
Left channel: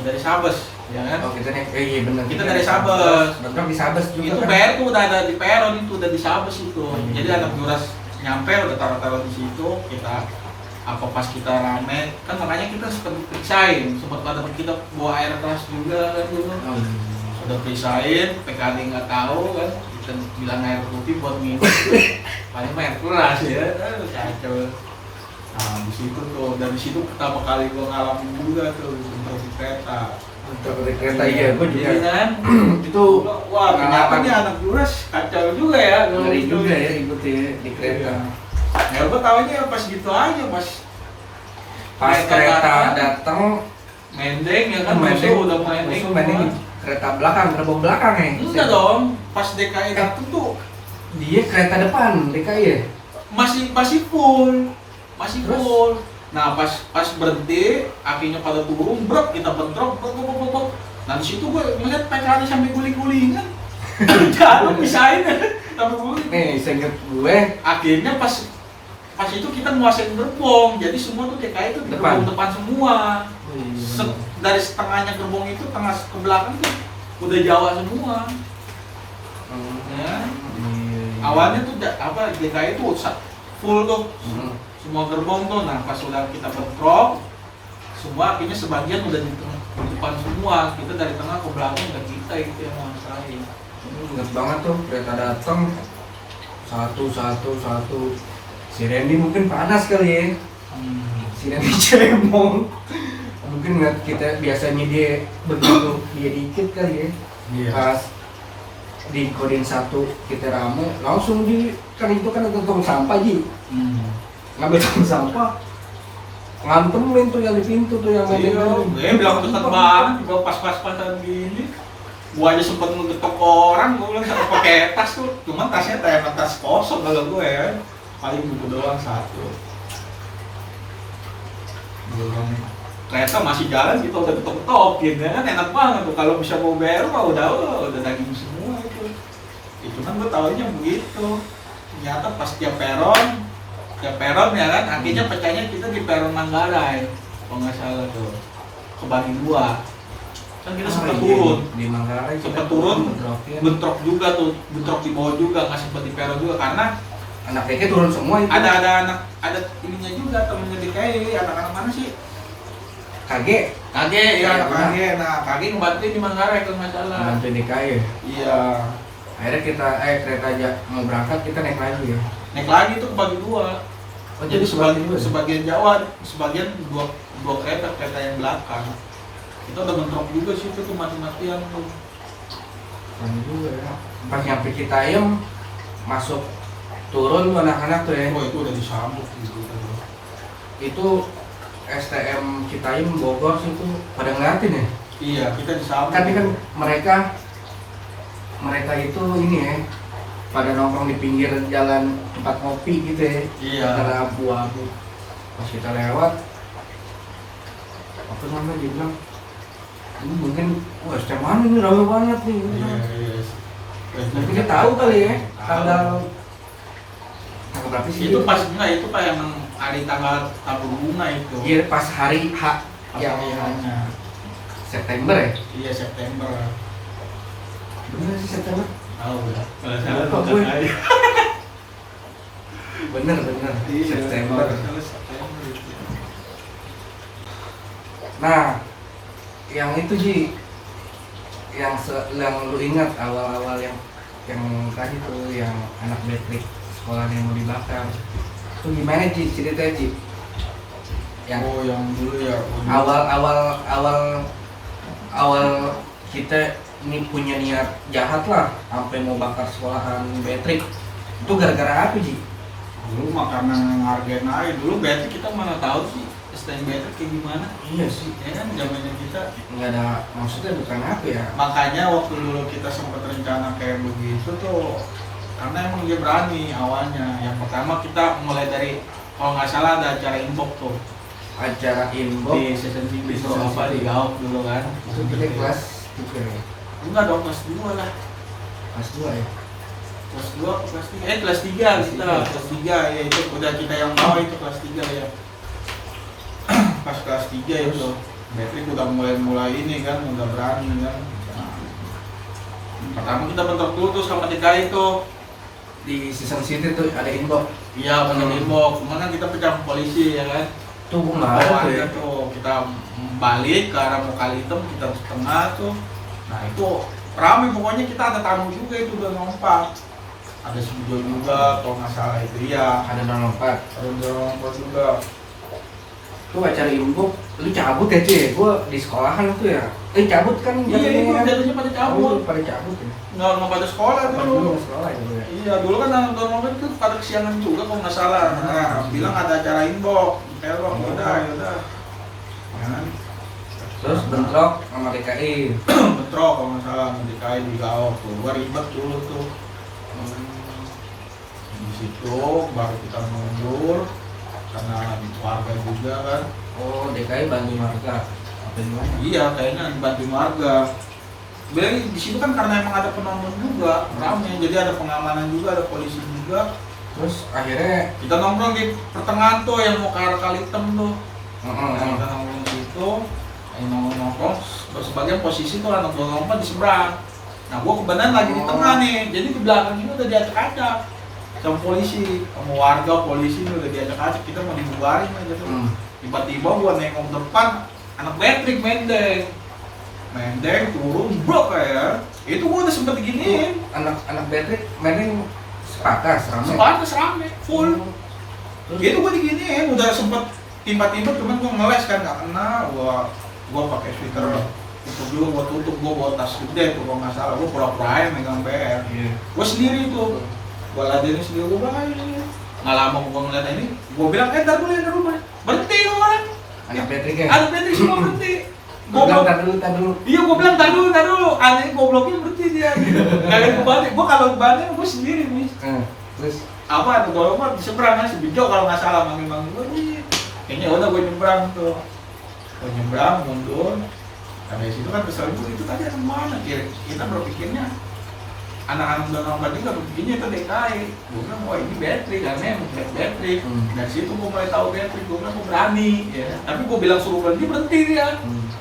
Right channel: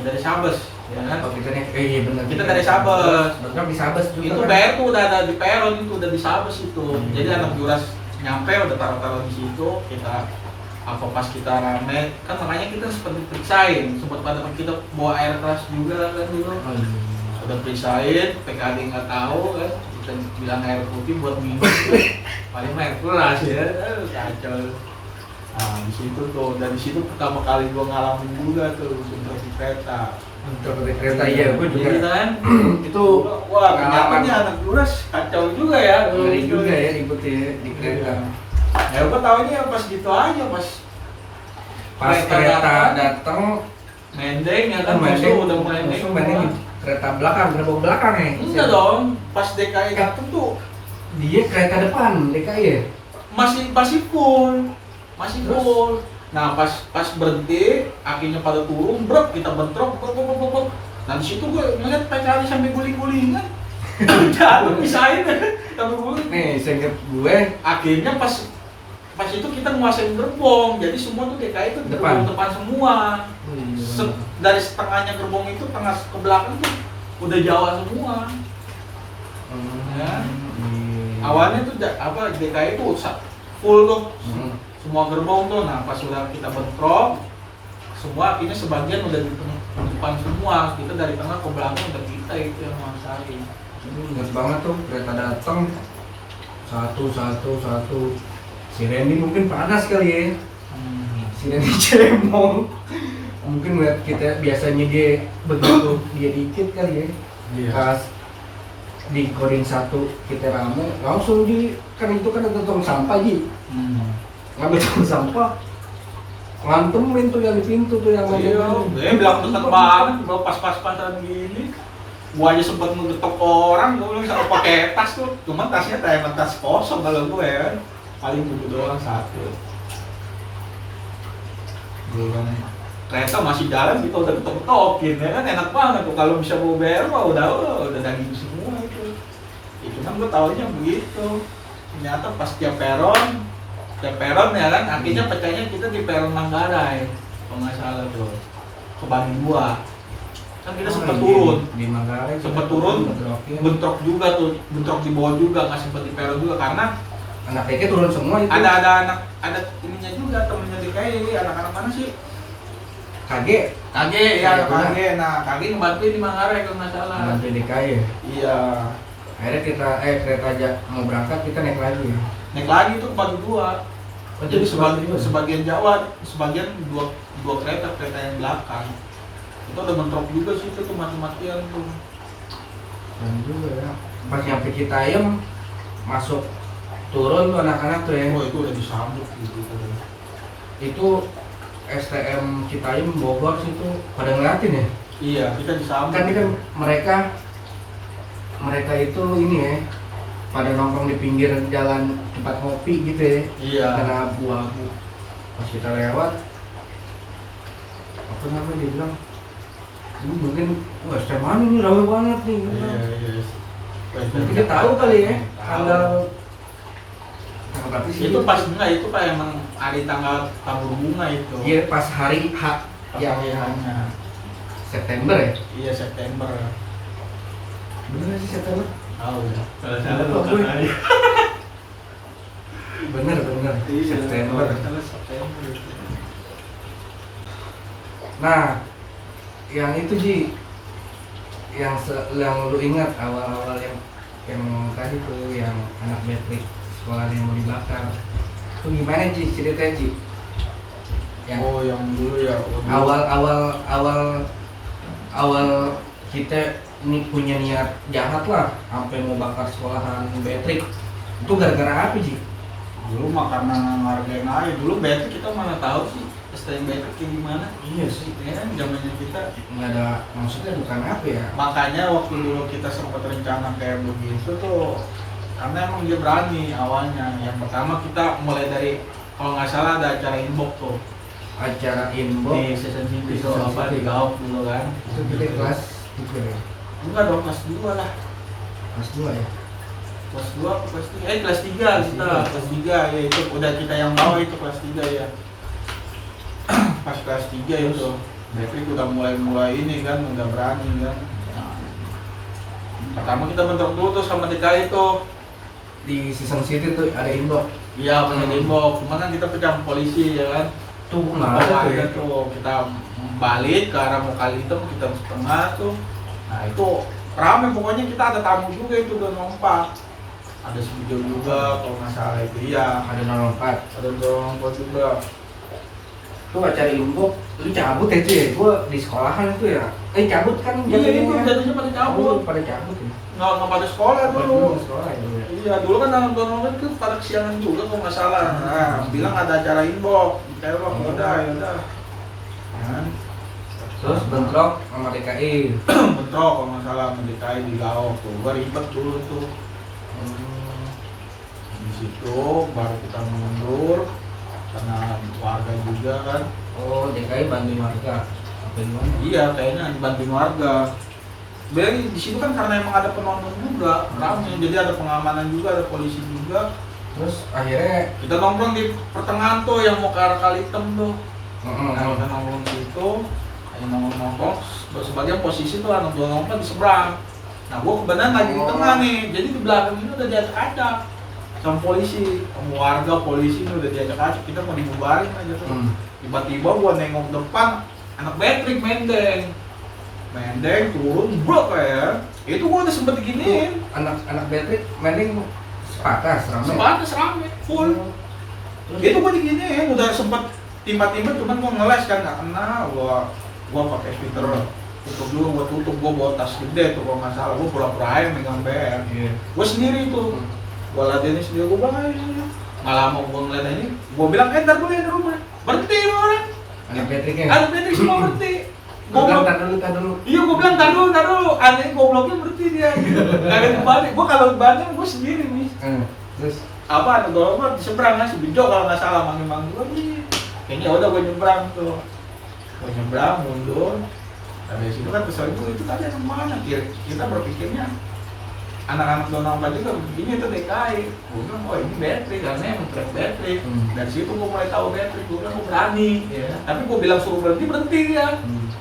dari Sabes ya kan Oh kita naik, iya benar. kita dari Sabes Bentrok di Sabes juga itu kan. bayar tuh udah ada di peron itu udah di Sabes itu jadi anak Juras nyampe udah taruh-taruh di situ kita apa pas kita rame kan makanya kita sempat diperiksain sempat pada kita bawa air keras juga kan dulu Oh, iya. udah periksain PKD nggak tahu kan kita bilang air putih buat minum paling air keras ya kacau nah di situ tuh dan di situ pertama kali gua ngalamin juga tuh bentrok di kereta Bentrok di kereta iya, gue juga. Iya kan Itu wah pengalaman pengalamannya anak Juras kacau juga ya ngeri juga ya ikut di kereta. ya gua taunya pas gitu aja pas Pas kereta datang mendeng ya kan Mendeng, musuh udah mulai musuh nengok. mendeng kereta belakang, gerbong belakang ya? Enggak dong, pas DKI datang tuh Dia kereta depan DKI ya? masih full, masih Terus? full. Nah pas berhenti, akhirnya pada turun, brok kita bentrok, brok. Nah di situ gue ngeliat PKI sampai guling-gulingan, jalan pisahin sampai guling. Nih, seinget gue Akhirnya pas itu kita nguasain gerbong, jadi semua tuh DKI itu di Depan. gerbong depan semua. iya. Dari setengahnya gerbong itu tengah ke belakang tuh udah Jawa semua. Ya. Iya. Awalnya tuh DKI tuh full tuh Hmm. semua gerbong tuh. Nah pas sudah kita bentrok semua, akhirnya sebagian udah di depan semua, kita dari tengah ke belakang ke kita itu yang masalahnya. Ingat banget tuh kereta datang satu. Si Randy mungkin panas kali ya. Si Randy cemong. Mungkin ngeliat kita biasanya dia begitu dia dikit kali ya. Iya. Pas di kodim 1 kita rame, langsung kan itu kan ada tong sampah Ji. Ngambil tong sampah, ngantemin tuh yang di pintu tuh yang Iya, gue bilang deket banget, bawa pas-pasan gini. Gua aja sempet ngegetok orang, gua bilang sama pakai tas tuh, cuman tasnya kayak tas kosong kalau gue kan. Paling buku doang satu. Belum kereta masih jalan gitu udah ketok-ketokin ya kan, enak banget tuh kalau bisa bawa BR mah udah daging semua itu. Ya, cuman gue taunya begitu. Ternyata pas tiap peron ya kan, akhirnya pecahnya kita di peron Manggarai kalau nggak salah tuh, kebagi dua. Kan kita sempat turun, di Manggarai kita sempat turun, bentrokin. bentrok juga tuh, bentrok di bawah juga, nggak sempat di peron juga karena Anak TK turun semua itu. ada ininya juga, temennya DKI, anak-anak mana sih? KG Ya ada KG, nah KG ngebantuin di Manggarai kalau nggak salah. bantu DKI ya. Iya, Akhirnya kita kereta aja mau berangkat kita naik lagi ya. naik lagi tuh kebagi dua. Oh, Jadi kebagi dua? sebagian Jawa, sebagian dua kereta yang belakang. Itu udah bentrok juga sih itu tuh mati-matian tuh. Kan juga ya. Pas nyampe Citayam masuk turun tuh anak-anak tuh ya. Oh itu udah disambut gitu. Itu STM Citayam Bogor sih tuh pada ngeliatin ya. Iya, kita disambut. Kan ini kan mereka itu ini ya pada nongkrong di pinggir jalan tempat kopi gitu ya. Iya. Karena abu-abu. Pas kita lewat apa namanya dia bilang ini mungkin wah STM mana nih rame banget nih. Iya. Tapi dia tahu kali ya Tahu. tanggal berapa sih Itu pas enggak, itu pak yang hari tanggal tabur bunga itu. Iya pas hari H yang Iya. September ya. Iya September. Bener sih September. Tahu ya. Kalau salah, salah gue. aja. Bener September. Nah yang itu Ji yang lu ingat awal-awal yang tadi tuh yang anak metrik sekolah yang mau dibakar itu gimana Ji ceritanya Ji? Yang Oh yang dulu ya. awal kita ini punya niat jahat lah sampai mau bakar sekolahan Betrik itu gara-gara apa Ji? Dulu mah karena ngargain aja. Dulu Betrik kita mana tahu sih STM Betrik kayak gimana. Iya sih, Ya kan zamannya kita. nggak ada maksudnya bukan apa ya. Makanya waktu dulu kita sempat rencana kayak begitu tuh karena emang dia berani awalnya. Yang pertama kita mulai dari kalau nggak salah ada acara inbox tuh Acara inbox di season TV Di itu Season apa TV. di Gaok dulu kan. itu kita kelas 3 ya, Enggak dong, kelas 2 lah. kelas 2 ya. Kelas 2 atau kelas 3? Kelas 3 kita. Kelas 3 ya itu udah kita yang bawa itu kelas 3 ya. Pas kelas 3 itu Betrik udah mulai ini kan, udah berani kan. Nah, pertama kita bentrok dulu tuh sama DKI tuh. Di season city tuh ada inbox Iya, pakai inbox. Cuman kan kita pecah sama polisi ya kan. tuh nggak ada tuh ya. Tuh kita balik ke arah Mokali Hitam, kita di tengah tuh. Nah itu ramai pokoknya, kita ada tamu juga itu udah nompak. Ada studio juga kalau nggak salah itu ya. Ada 04 Ada nompak juga. tuh acara inbox lu cabut ya tuh ya, gua di sekolahan itu ya cabut kan Iya itu ya. jatuhnya pada cabut. Pada cabut ya. Nggak pada sekolah dulu. Pada sekolah ya dulu ya. Iya dulu kan dalam download itu pada kesiangan juga kalau nggak salah. Nah, bilang ada acara inbox. Kayak wah udah ya udah. Kan? Terus bentrok sama DKI. bentrok kalau nggak salah sama DKI di Gaok tuh, gua ribet dulu tuh. Di situ baru kita mundur karena warga juga kan. Oh, DKI bantu warga. Apa gimana? Iya, kayaknya bantu warga. Sebenarnya di situ kan karena emang ada penonton juga, ramai, jadi ada pengamanan juga, ada polisi juga. Terus akhirnya Kita nongkrong di pertengahan tuh yang mau ke arah Kalitem tuh. heeh, Nah, kita nongkrong di situ, nongkrong. Terus sebagian posisi tuh anak gua ngomong di seberang. Nah, gua kebenaran lagi di tengah nih, jadi di belakang ini udah diacak-acak sama polisi, sama warga polisi ini udah diacak-acak. Kita mau dibubarin aja tuh. Tiba-tiba gua nengok depan, anak Patrick mendeng turun bro kayak itu gua udah sempet diginiin. anak Patrick mending sepatas ramai. Sebatas rame full. Gitu gua diginiin, udah sempet timba-timba, cuman gua ngeles kan nggak kena. Gua pakai sweater tutup dulu, gua bawa tas gede tuh kalau nggak salah. Gua pura-pura aja megang PR. Iya. Gua sendiri tuh, gua ladenin sendiri. Gua bilang nggak lama gua ngeliat ini, gua bilang ntar dulu ya ke rumah, berhenti orang. Anak Patrick ya. Ada Patrick semua berhenti. Gua bilang tar dulu. Iya, gue bilang tar dulu. Aneh gobloknya berhenti dia. Kagak kebalik. Gue kalau kebalik gue sendiri nih. Terus Apa ada golongan di seberang kan, si Bijo kalau nggak salah manggil gue nih. Kayaknya udah gue nyebrang tuh. Gue nyebrang mundur. Nah, dari situ kan kesel itu tadi ada mana? Kita berpikirnya anak-anak udah nongkrong juga begini itu DKI. Gue bilang wah ini battery kan ya, battery. Dari situ gue mulai tahu battery. Gue bilang gue berani. Ya. Tapi gue bilang suruh berhenti dia.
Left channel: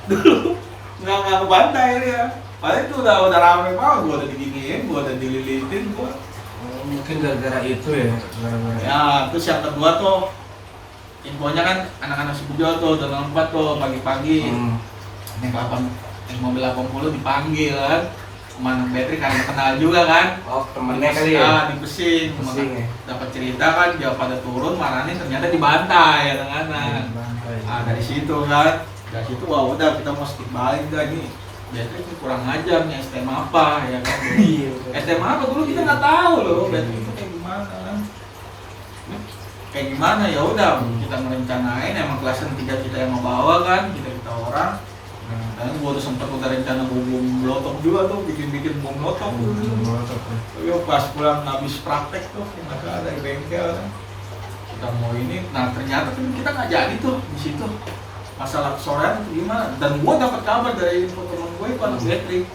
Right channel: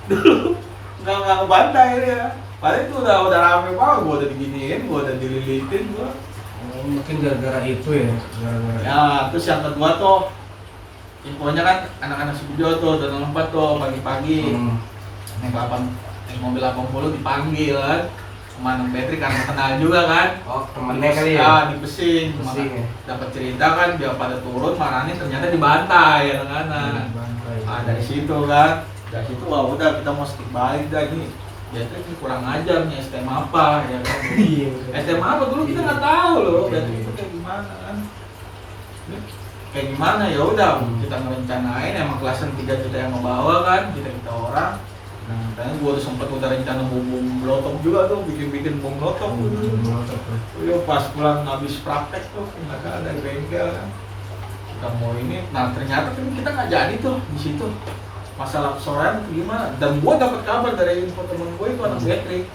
Dulu nggak ngebantai dia. Padahal itu udah rame banget, gua udah diginiin, gua udah dililitin gua. mungkin gara-gara itu ya, gara-gara. Ya, terus yang kedua tuh infonya kan anak-anak si Bujo tuh udah nongkrong tuh pagi-pagi. Naik mobil 80 dipanggil kan. Kemana Patrick karena kenal juga kan. Oh, temennya kali ya. Di Pesing. Ya. Dapat cerita kan dia pada turun, marahnya ternyata dibantai anak-anak. Dari situ kan. Dari situ wah udah kita mau skip balik lagi. Biasanya ini kurang ajar nih STM apa ya kan. STM apa dulu kita nggak tahu loh. Biasanya itu kayak gimana kan. Ini kayak gimana ya udah kita ngerencanain emang kelasan 3 kita yang ngebawa kan kita orang. Dan gua udah rencana bom blotok juga tuh bikin bom blotok. Yo pas pulang habis praktek tuh nggak ada dari bengkel kan. Kita mau ini, nah ternyata kan kita nggak jadi tuh di situ. Masalah sorean gimana? Dan gua dapat kabar dari info teman gue itu anak Patrick.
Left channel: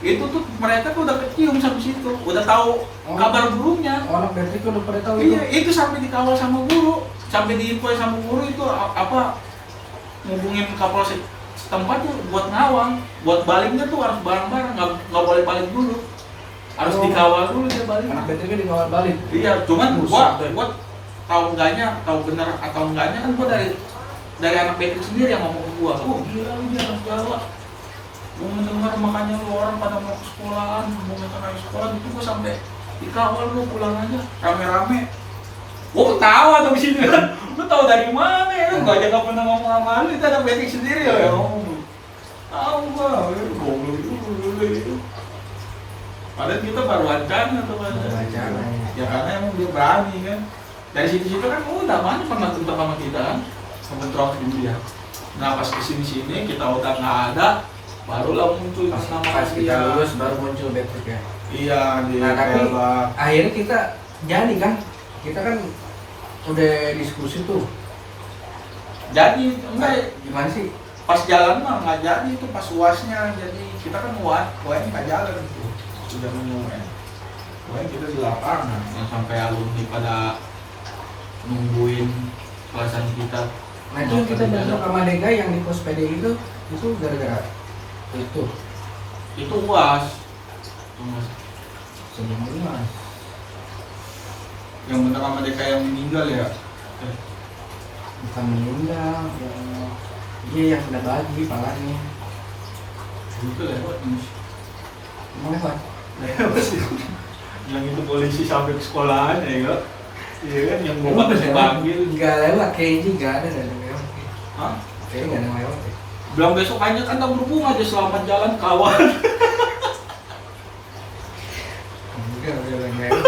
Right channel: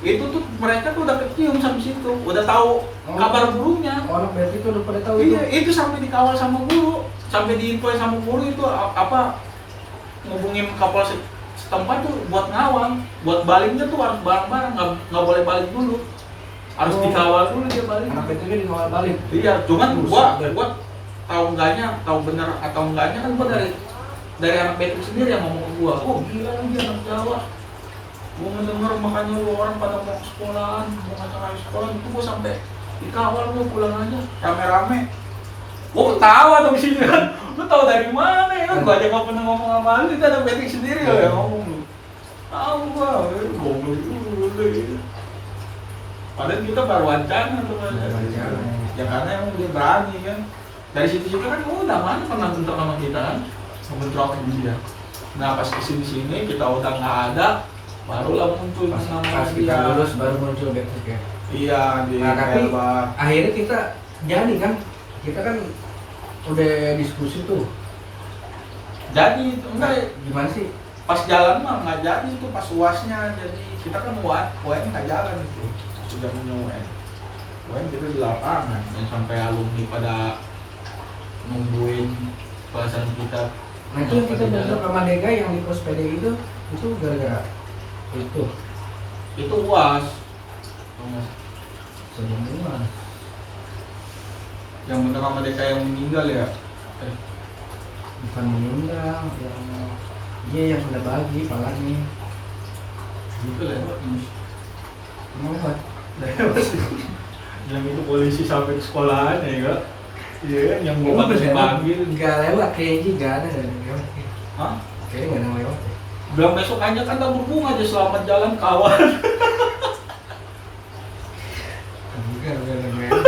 Itu tuh mereka tuh udah kecium sampai situ, udah tahu kabar gurunya. Oh, anak Patrick udah pada tahu Iya, itu sampai dikawal sama guru, sampai diinfoin sama guru itu apa ngubungin kapal setempat tuh buat ngawang, buat baliknya tuh harus bareng-bareng, nggak boleh balik dulu, harus dikawal dulu dia balik. Anak Patrick dikawal balik. Iya, cuman gua tahu benar atau enggaknya kan gua dari anak Patrick sendiri yang ngomong ke gua, oh gila nih anak Jawa, gua ngedenger makanya lu orang pada mau ke sekolahan, mau ngajak sekolah itu gua sampai dikawal lu pulang aja rame-rame. Gua ketawa tuh di sini kan, lu tahu dari mana ya kan? Gua aja nggak pernah ngomong sama lu, itu anak Patrick sendiri ya ngomong lu. Tahu gua, goblok dulu. Padahal kita baru wacana tuh ya karena emang dia berani kan. Dari situ kan udah mana pernah bentrok sama kita kan, bentrok dia. Nah pas kesini kita udah nggak ada, barulah muncul Pas kita lulus baru muncul Patrick ya. Iya di. Nah tapi akhirnya kita jadi kan, kita kan udah diskusi tuh. Jadi enggak Gimana sih? pas jalan mah nggak jadi itu pas uasnya, jadi kita kan UN nggak jalan gitu. Sudah UN kita di lapangan yang sampai alumni pada nungguin kelasan kita. Nah itu yang kita bentrok sama Dega yang di pos PD itu gara-gara itu UAS sebelum UAS yang bentrok sama DK yang meninggal ya. bukan meninggal yang udah bagi palanya Itu lewat emang lewat yang itu polisi sampai ke sekolahan ya enggak? Iya kan yang emang mau udah lewat dipanggil. nggak lewat kayaknya nggak ada yang lewat Hah? kayaknya nggak ada yang lewat ya. Bilang besok hanya kan tak berbunga aja selamat jalan kawan. Enggak ada yang lewat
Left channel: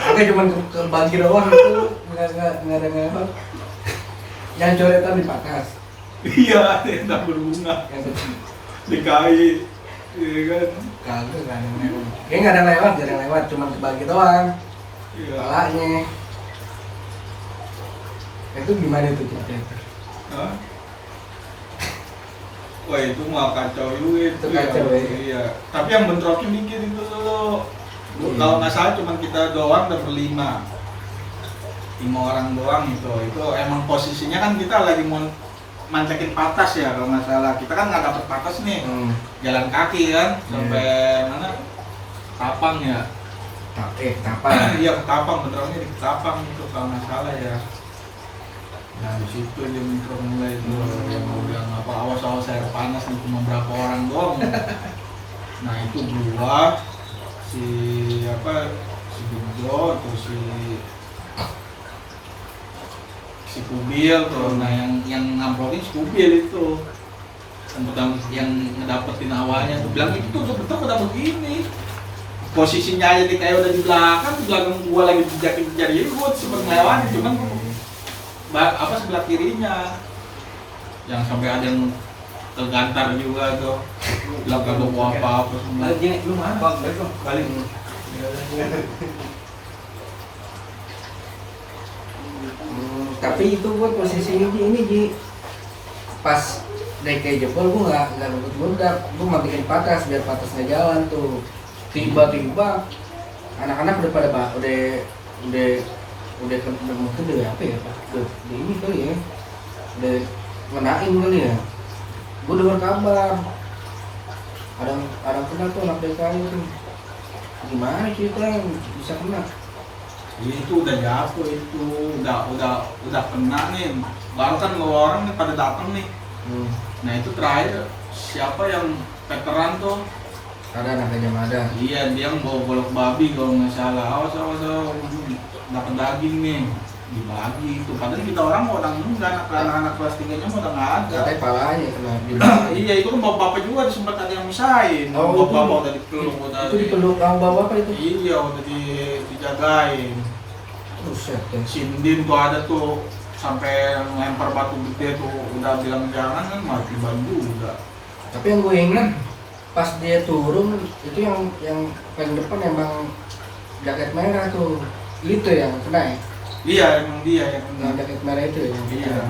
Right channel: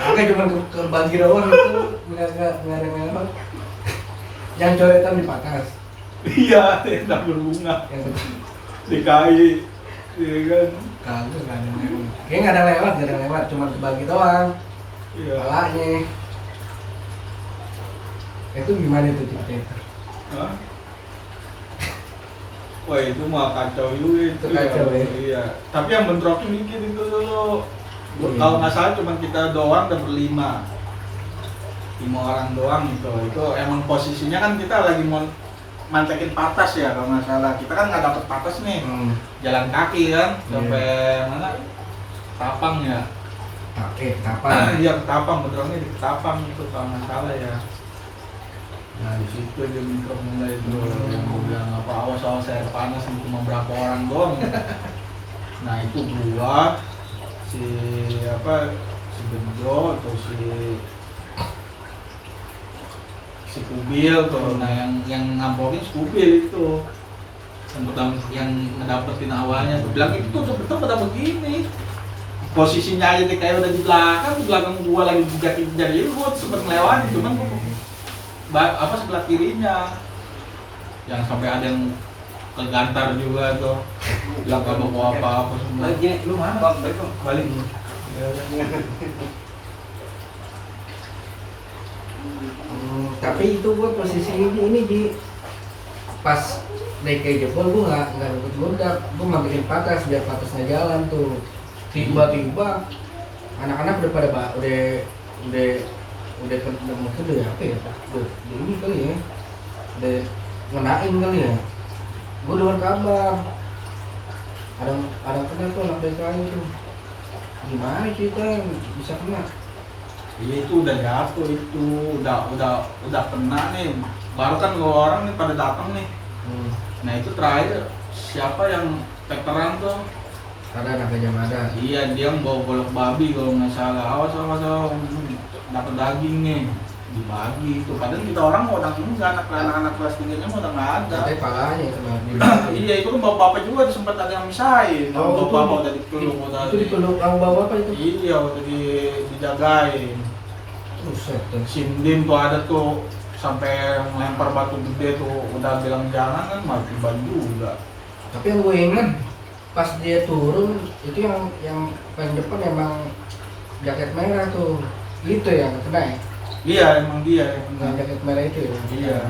kakak cuma ke bagi doang itu nggak ada yang lewat yang coretan di Pakas Iya, yang tak berbunga. Yang DKI, iya kan? kagak ada yang lewat. Kayaknya nggak ada lewat, jarang lewat, cuma kebagi doang. Iya. Palanya. Itu gimana tuh cerita? Hah? Wah itu mah kacau juga itu. Itu kacau, ya? Iya. Tapi yang bentrokin dikit itu dulu. Iya. Kalau nggak salah cuma kita doang dan berlima. 5 orang doang gitu. Itu emang posisinya kan kita lagi mau mantekin patas ya kalau nggak salah. Kita kan nggak dapet patas nih. Jalan kaki kan sampai mana? Tapang ya. Kapan? Iya Ketapang, bentroknya di Ketapang itu kalau nggak salah ya. Nah di situ dia bentrok mulai itu. Dia mau bilang apa awas air panas nih cuma berapa orang doang. Nah itu gua si Bejo atau si Kubil tuh. Nah yang ngambrokin si Kubil itu yang ngedapetin awalnya tuh bilang itu tuh betul udah begini posisinya aja nih kayak udah di belakang gua lagi dijakin jadi gua sempet ngelewatin cuman sebelah kirinya yang sampai ada yang tergantar juga tuh bilang kagak mau apa semua. Lu mana? Balik dong. Balik. Tapi itu gua posisinya ini Ji pas DKI jebol gua nggak nurut budak, gua matiin patas biar patasnya jalan tuh. Tiba-tiba anak-anak udah pada udah mungkin udah apa ya? Udah ini kali ya. Udah ngenain kali ya. Gua dengar kabar ada kena tuh anak DKI tuh. Gimana ceritanya bisa kena? Itu udah jatuh itu udah kena nih baru kan orang nih pada datang nih. Nah itu terakhir siapa yang veteran tuh Ada anak Gajah Mada. iya dia mau golok babi kalau nggak salah awas dapat daging nih dibagi itu padahal kita orang mau udah enggak anak-anak kelas 3-nya mau udah nggak ada. Katanya palanya kena dibagi. Iya itu kan bapak-bapak juga sempat ada yang misahin. Bapak-bapak udah dipeluk Itu dipeluk sama bapak itu. Iya udah dijagain. Buset ya. Sindin tuh ada tuh sampai melempar batu gede tuh udah bilang jangan kan mati ban juga. Tapi yang gue ingat pas dia turun itu yang paling depan emang jaket merah tuh. Itu yang kena ya? Iya emang dia yang Yang jaket merah itu ya? iya.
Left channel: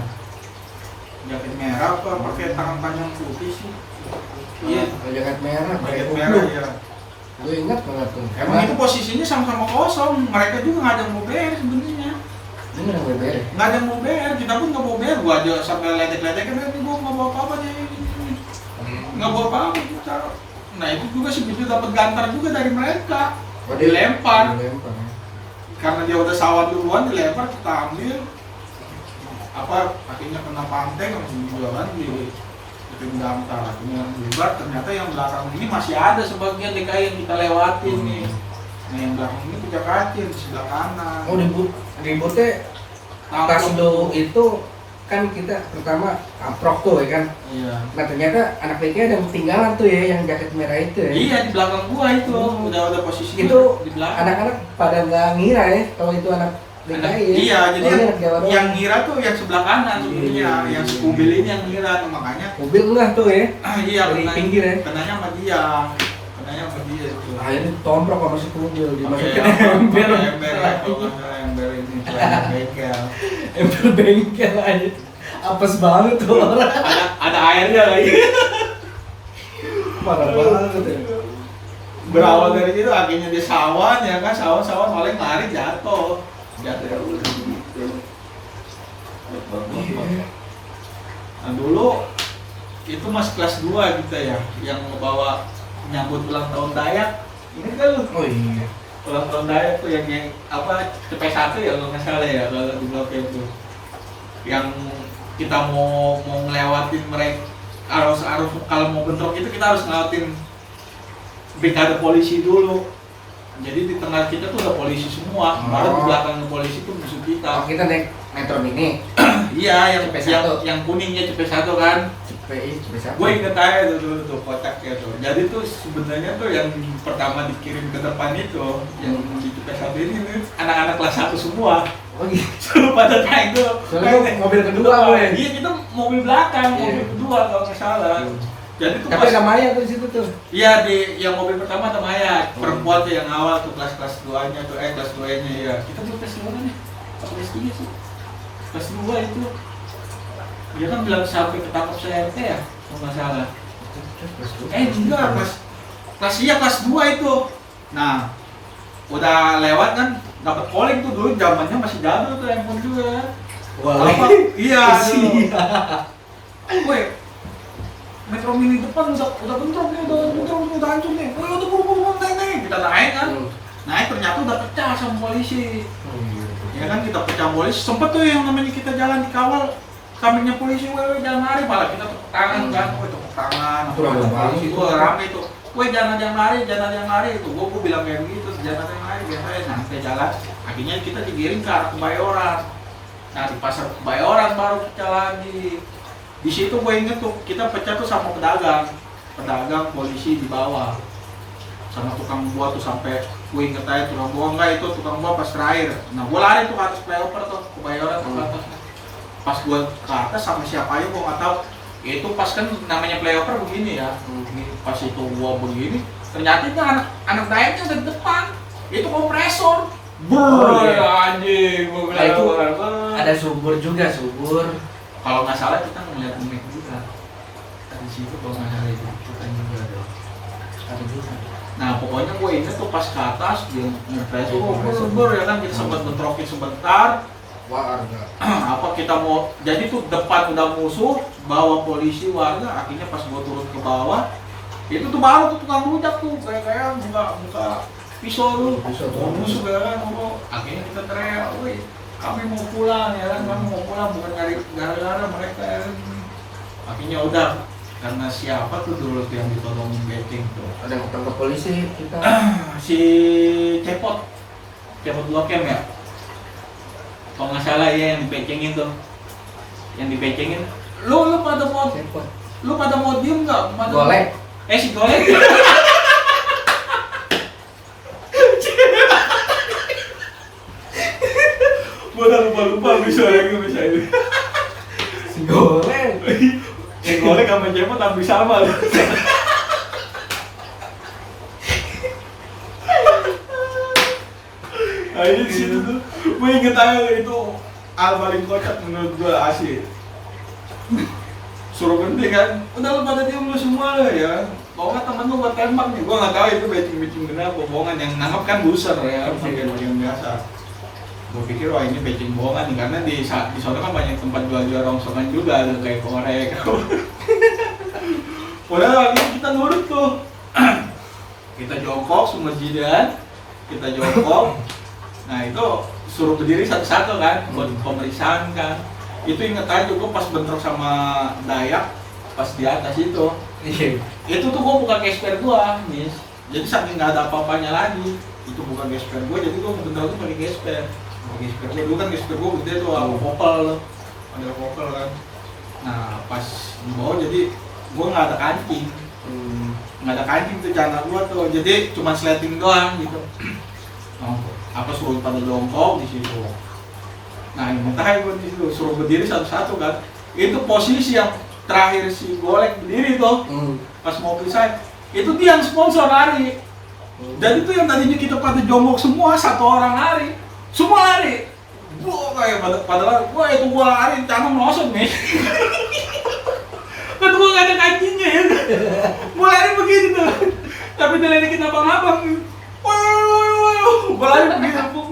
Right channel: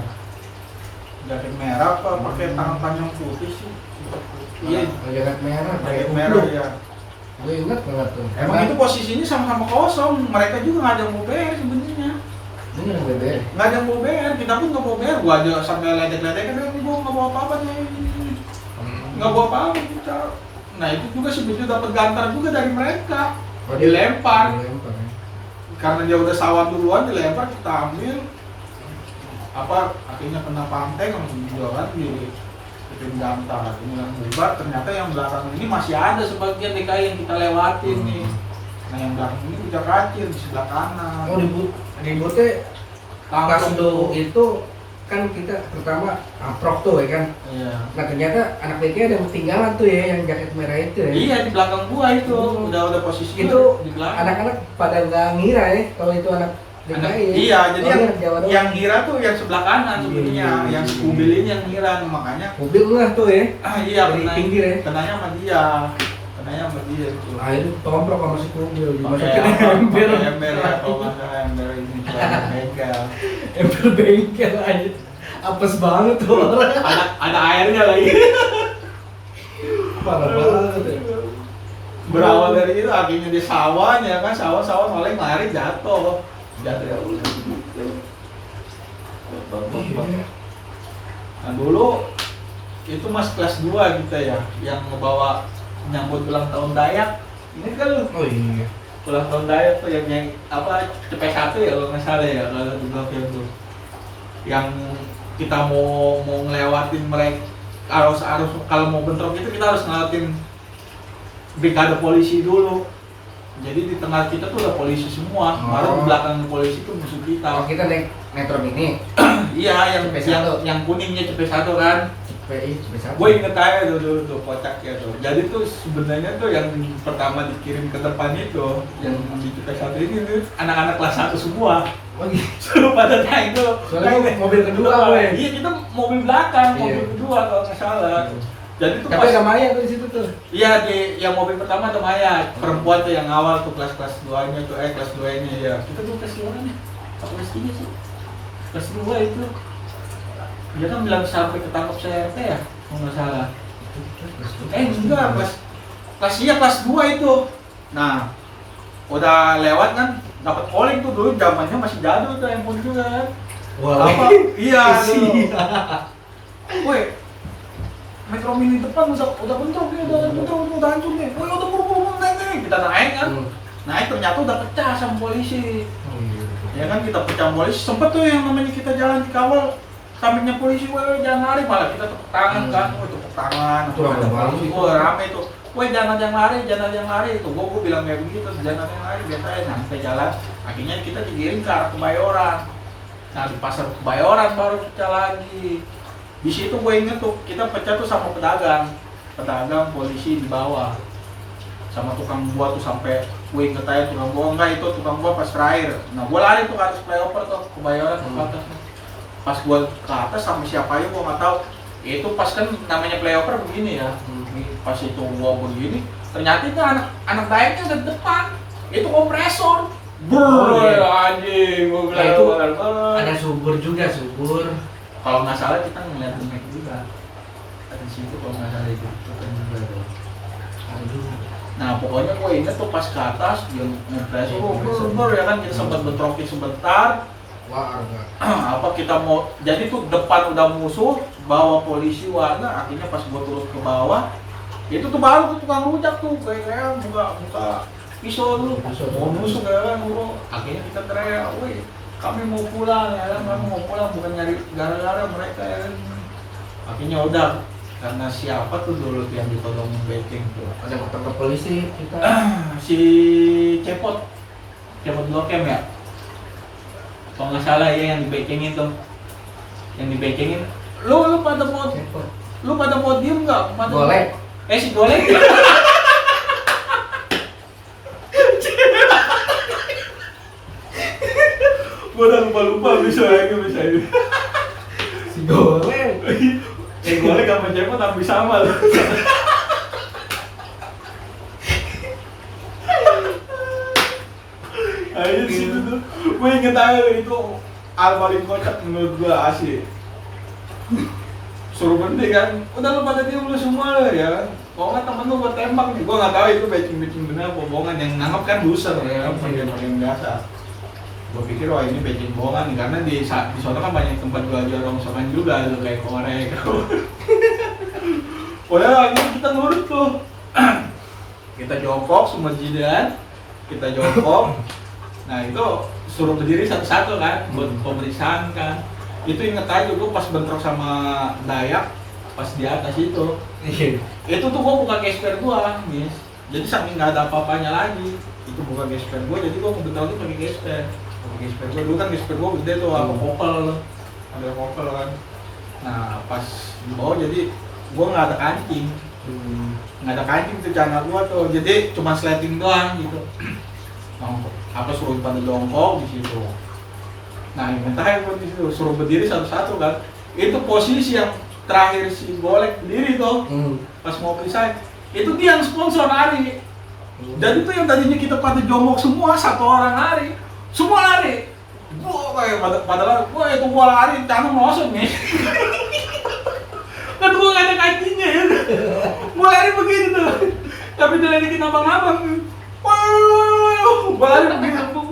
Jaket merah apa pakai tangan panjang putih sih? Iya. Jaket merah, pakai Jaket merah kupluk. ya. Gue ingat banget tuh. Emang itu posisinya sama-sama kosong. Mereka juga nggak ada yang mau bayar sebenarnya. Ini yang beber. Nggak ada yang mau bayar. Kita pun nggak mau bayar. Gua aja sampai ledek-ledek kan ini gua nggak bawa apa-apa nih. Nggak bawa apa-apa kita. Nah itu juga si Bibi dapat gantar juga dari mereka. Dilempar. Dilempar ya. Karena dia udah sawat duluan dilempar kita ambil akhirnya kena pantai kan juga kan di tim gantar akhirnya bubar ternyata yang belakang ini masih ada sebagian DKI yang kita lewatin nih. Nah yang belakang ini udah kacir di sebelah kanan. Oh ributnya pas lo itu kan kita pertama amprok tuh ya kan. Iya. Nah ternyata anak BK ada yang ketinggalan tuh ya yang jaket merah itu ya. Iya di belakang gua itu udah posisi Itu di belakang. anak-anak pada nggak ngira ya kalau itu anak DKI ya. Iya jadi Oh, anak Jawa doang. yang ngira tuh yang sebelah kanan sebenarnya Iya. yang si kubil ini yang ngira makanya mobil enggak tuh ya. iya Dari pinggir ya. kenanya sama dia itu. Akhirnya tomprok sama si kubil dimasukin Pakai ember. ember kalau nggak salah ember ini bengkel. Ember bengkel aja. Apes banget tuh orang. Ada airnya lagi. Parah banget ya. Berawal dari itu akhirnya dia sawan ya kan sawan malah lari jatuh ya udah gitu. Nah dulu itu mas kelas 2 kita ya yang ngebawa nyambut ulang tahun Dayak. Ingat kan lu? Oh iya. Ulang tahun Dayak tuh yang CP1 ya kalau nggak salah ya kalau di blok itu. Yang kita mau ngelewatin mereka kalau mau bentrok itu kita harus ngelewatin brigade polisi dulu. Jadi di tengah kita tuh ada polisi semua, malah di belakang polisi tuh musuh kita. Oh kita naik metro mini. Iya, CP1. yang kuningnya CP1 kan. PI berapa? Gue inget aja tuh dulu tuh kocaknya tuh. Jadi tuh sebenarnya tuh yang pertama dikirim ke depan itu, yang di kita satu ini tuh anak-anak kelas 1 semua. Oh gitu. Suruh pada naik tuh. Soalnya mobil kedua gue. Iya, kita mobil belakang, Iya. mobil kedua kalau nggak salah. Jadi tuh Tapi ada Maya tuh di situ tuh. iya di yang mobil pertama ada Maya, perempuan tuh yang awal tuh kelas 2-nya tuh, kelas 2-nya ya. Kita tuh kelas 2 kan ya? Atau kelas 3 sih? Kelas 2 itu. Dia kan bilang sampai ketangkap CRT ya, kalau nggak salah. Enggak, kelas 2 itu. Nah, udah lewat kan, dapat calling tuh dulu zamannya masih jadul tuh handphone juga. Wah. Apa? Iya, tuh. Woi, Metro Mini depan udah bentrok nih, udah hancur nih. Woi, udah buru nih. Kita naik kan. Naik ternyata udah pecah sama polisi. Ya kan kita pecah polisi. Sempet tuh yang namanya kita jalan dikawal sampingnya polisi, woi jangan lari, malah kita tepuk tangan kan. Woi tepuk tangan. Itu rame banget itu. Woi rame itu. Woi jangan lari itu. Gua bilang kayak begitu, jangan lari biasa. Nah kita jalan. Akhirnya kita digiring ke arah Kebayoran. Nah di pasar Kebayoran baru kita lagi. Di situ gue inget tuh kita pecah tuh sama pedagang polisi di bawah, sama tukang buah tuh sampai gue inget aja tukang buah enggak itu tukang buah pas terakhir. Nah gue lari tuh ke atas flyover tuh Kebayoran tuh ke atas. Pas gue ke atas sama siapa aja gue nggak tahu. Itu pas kan namanya flyover begini ya. Pas itu gue begini, ternyata itu anak dayaknya ada di depan. Itu kompresor. Anjing, gue Nah, itu bilang ada subur juga, subur. kalau nggak salah kita ngeliat bumi juga di situ kalau nggak salah itu kita juga ada juga. Nah pokoknya gue inget tuh pas ke atas dia ngepressor ya kan kita sempat bentrokin sebentar. Warga. Apa kita mau jadi tuh depan udah musuh bawa polisi warga, akhirnya pas gue turun ke bawah itu tuh baru tuh tukang rujak tuh kayak buka pisau tuh musuh ya kan. Akhirnya kita teriak, woi kami mau pulang ya kan, kami mau pulang bukan nyari gara-gara mereka ya kan. Akhirnya udah, karena siapa tuh dulu yang ditodongin betting tuh? Ada yang ketangkep polisi kita. Si Cepot Blok M ya? Kalau nggak salah ya yang dibecengin tuh. Yang dibecengin. Lu pada mau diem nggak? Golek. Si Golek. Gue udah lupa bisa ini. Si Golek. Si Golek sama Cepot hampir sama loh. Nah ini di situ tuh, gue inget aja itu hal paling kocak menurut gue asli. Suruh berhenti kan, udah lu pada diem lu semua lo ya. Kalau nggak temen lu buat tembak nih, gue nggak tahu itu becing bener apa bohongan. Yang nangkep kan buser ya, yang biasa. Gue pikir wah ini becing bohongan karena di sana kan banyak tempat jual rongsokan juga, ada kayak korek. Padahal kita nurut tuh. Kita jongkok semua jidan, kita jongkok. Nah itu suruh berdiri satu-satu kan, buat pemeriksaan kan. Itu inget aja gue pas bentrok sama Dayak, pas di atas itu. Itu tuh gue buka gesper gue, Miss. Jadi saking nggak ada apa-apanya lagi, itu bukan gesper gue, jadi gue bentuk tahu tuh pakai gesper. Gesper gue dulu kan gesper gue gede tuh, sama kopel, ada kopel kan. Nah pas di bawah jadi gue nggak ada kancing, nggak ada kancing tuh celana gue tuh, jadi cuma sleting doang gitu. Apa suruh pada jongkok di situ. Nah, yang terakhir gue di situ suruh berdiri satu-satu kan. Itu posisi yang terakhir si Golek berdiri tuh. Pas mau periksa, itu dia yang sponsor lari. Dan itu yang tadinya kita pada jongkok semua, satu orang lari. Semua lari. Kayak padahal itu gua lari, tangan nosot nih. Kan gua gak ada kakinya ya. Gua lari begitu tuh. Tapi dilelekin abang-abang. Gua lari begitu.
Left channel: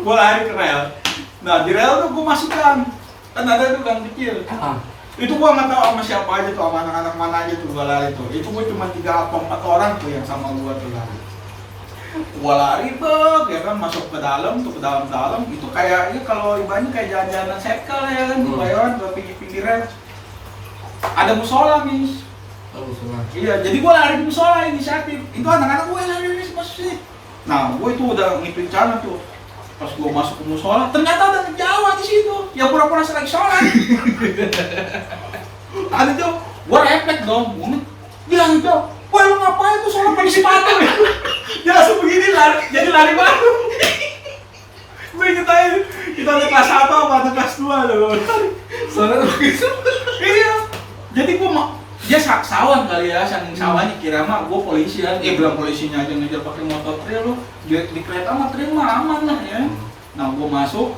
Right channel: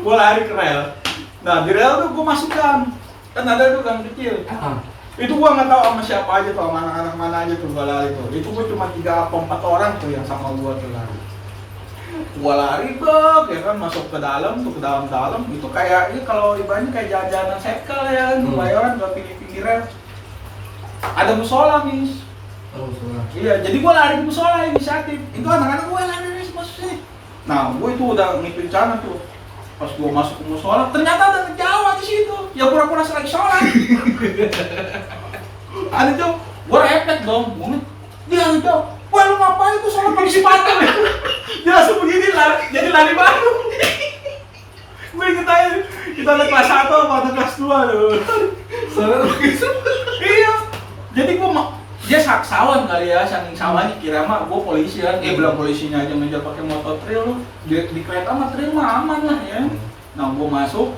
Gua lari ke rel. Nah di rel tuh gua masukkan. Kan ada tuh gang kecil. Itu gua nggak tahu sama siapa aja tuh, sama anak-anak mana aja tuh gua lari tuh. Itu gua cuma 3 atau 4 orang tuh yang sama gua tuh lari. Gua lari ya kan masuk ke dalam tuh, ke dalam itu kayaknya kalau ibaratnya kayak jalan-jalan circle ya kan, di Bayoran gua pinggir rel. Ada musola, Miss. Oh, musola. Iya, jadi gua lari di musola inisiatif. Itu anak-anak gua lari masuk sini. Nah, gua itu udah ngipin celana tuh. Pas gua masuk ke musola, ternyata ada Jawa di situ. Ya pura-pura lagi sholat. Ada Jok, gua refleks dong, bilang Jok, wah lu ngapain tuh sholat pakai sepatu? Dia langsung begini lari, jadi lari baru. Gue inget aja, kita naik kelas 1 apa kelas 2 ada gue. Soalnya begitu. Iya, jadi dia saksawan kali ya, saking sawahnya kira mah gue polisi kan, bilang polisinya aja ngejar pakai motor trail lu, di kereta mah trail mah aman lah ya. Nah gue masuk,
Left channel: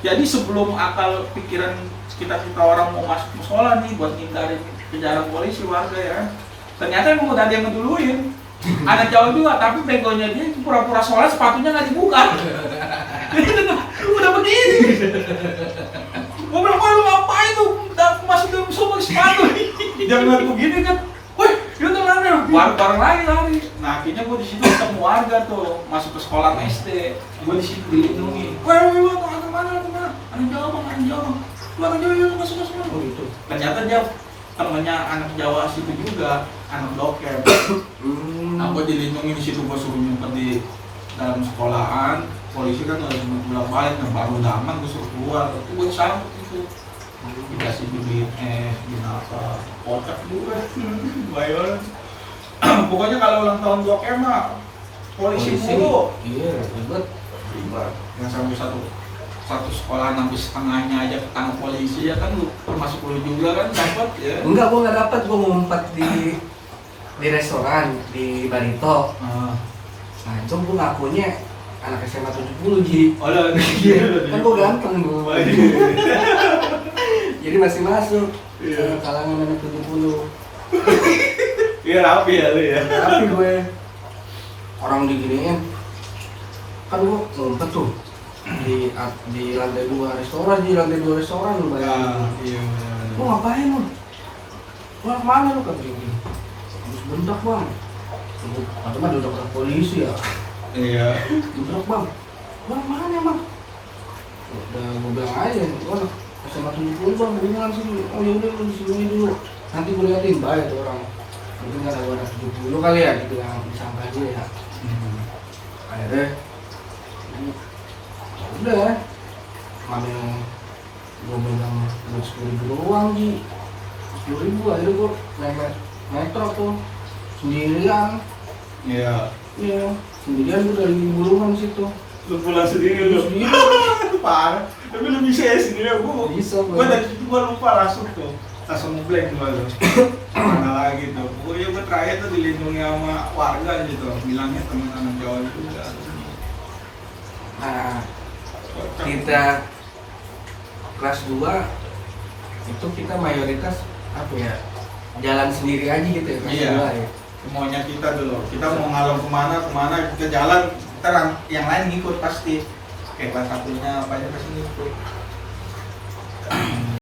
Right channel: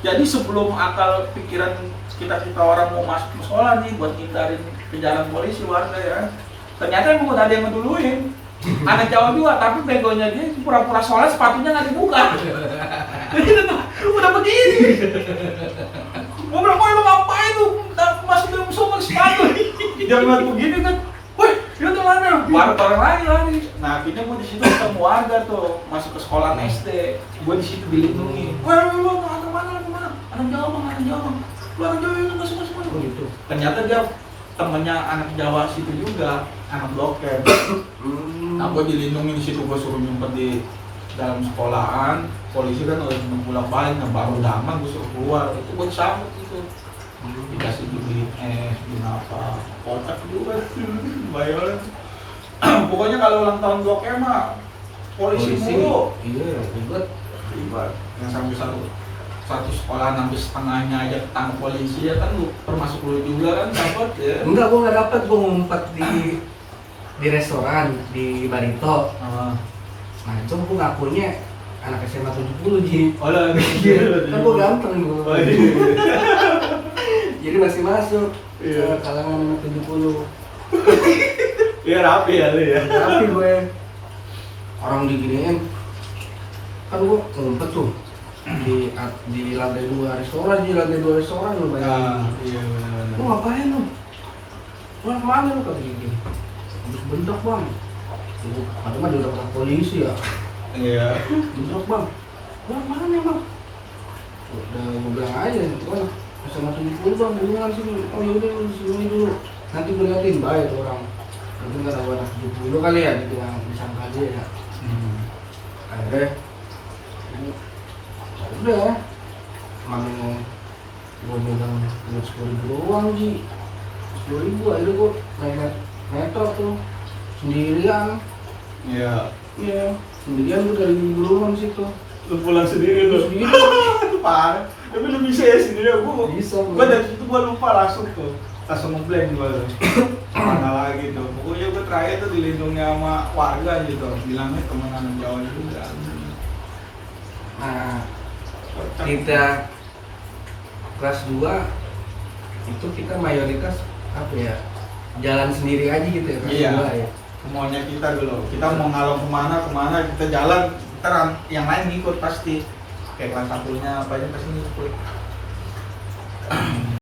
jadi sebelum akal pikiran kita orang mau masuk musola nih buat hindarin kejaran polisi warga ya, ternyata emang udah ada yang ngeduluin. Anak Jawa juga, tapi begonya dia pura-pura sholat sepatunya nggak dibuka. Udah begini. Gue bilang, wah lu ngapain tuh masuk dalam musola sepatu? Jangan ngeliat begini kan, woi itu tuh lari, bareng lari. Nah akhirnya gue di situ ketemu warga tuh, masuk ke sekolah SD, gue di situ dilindungi. Woi lu anak mana? Anak Jawa bang, lu anak Jawa yuk masuk. Oh gitu. Ternyata dia temennya anak Jawa situ juga, anak Blok M. Nah gue dilindungi di situ, gue suruh nyumpet di dalam sekolahan, polisi kan harus bolak-balik, nah baru udah aman gue suruh keluar, itu gue sambut gitu. Dikasih duit apa, kocak juga, bayar. Pokoknya kalau ulang tahun Blok M mah polisi mulu. Iya, ribet. Yang sampai satu sekolah habis setengahnya aja ketangkep polisi ya kan, lu termasuk lu juga kan dapat ya. Enggak, gua nggak dapat, gua ngumpet di restoran di Barito. Nah itu gua ngakunya anak SMA 70 Ji. Oh lah, Kan gua ganteng gua. Jadi masih masuk ke kalangan anak 70. Iya rapi ya lu ya. Tapi gue orang diginiin, kan gue ngumpet tuh di lantai 2 restoran, lu bayangin. Iya benar. Lu ngapain lu? Lu kemana lu, kata gini? Habis bentak bang. Padahal mah dia udah kena polisi ya. Iya. Bentak bang. Bang mana bang? Udah gue bilang aja, gua SMA 70 bang, hubungan sini. Oh yaudah lu di sini dulu. Nanti gue liatin, baik tuh orang. Mungkin kan ada 70 kali ya, dibilang disangka dia ya. Akhirnya udah kemarin gue megang duit 10.000 doang Ji, 10.000. Akhirnya gue naik metro tuh sendirian. Iya. Iya, sendirian gue dari Bulungan situ. Lu pulang sendiri lu. Sendiri. Itu parah. Tapi lu bisa ya sendiri. Gue dari situ gue lupa langsung ngeblank gue tuh. Mana lagi tuh. Pokoknya gue terakhir tuh dilindungi sama warga gitu. Bilangnya temen anak Jawa juga. Nah, kita kelas 2 itu kita mayoritas apa ya, jalan sendiri aja gitu ya kelas 2 ya. Semuanya kita dulu, kita mau ngalung kemana kita jalan, ntar yang lain ngikut pasti. Kayak kelas 1-nya apa aja pasti ngikut.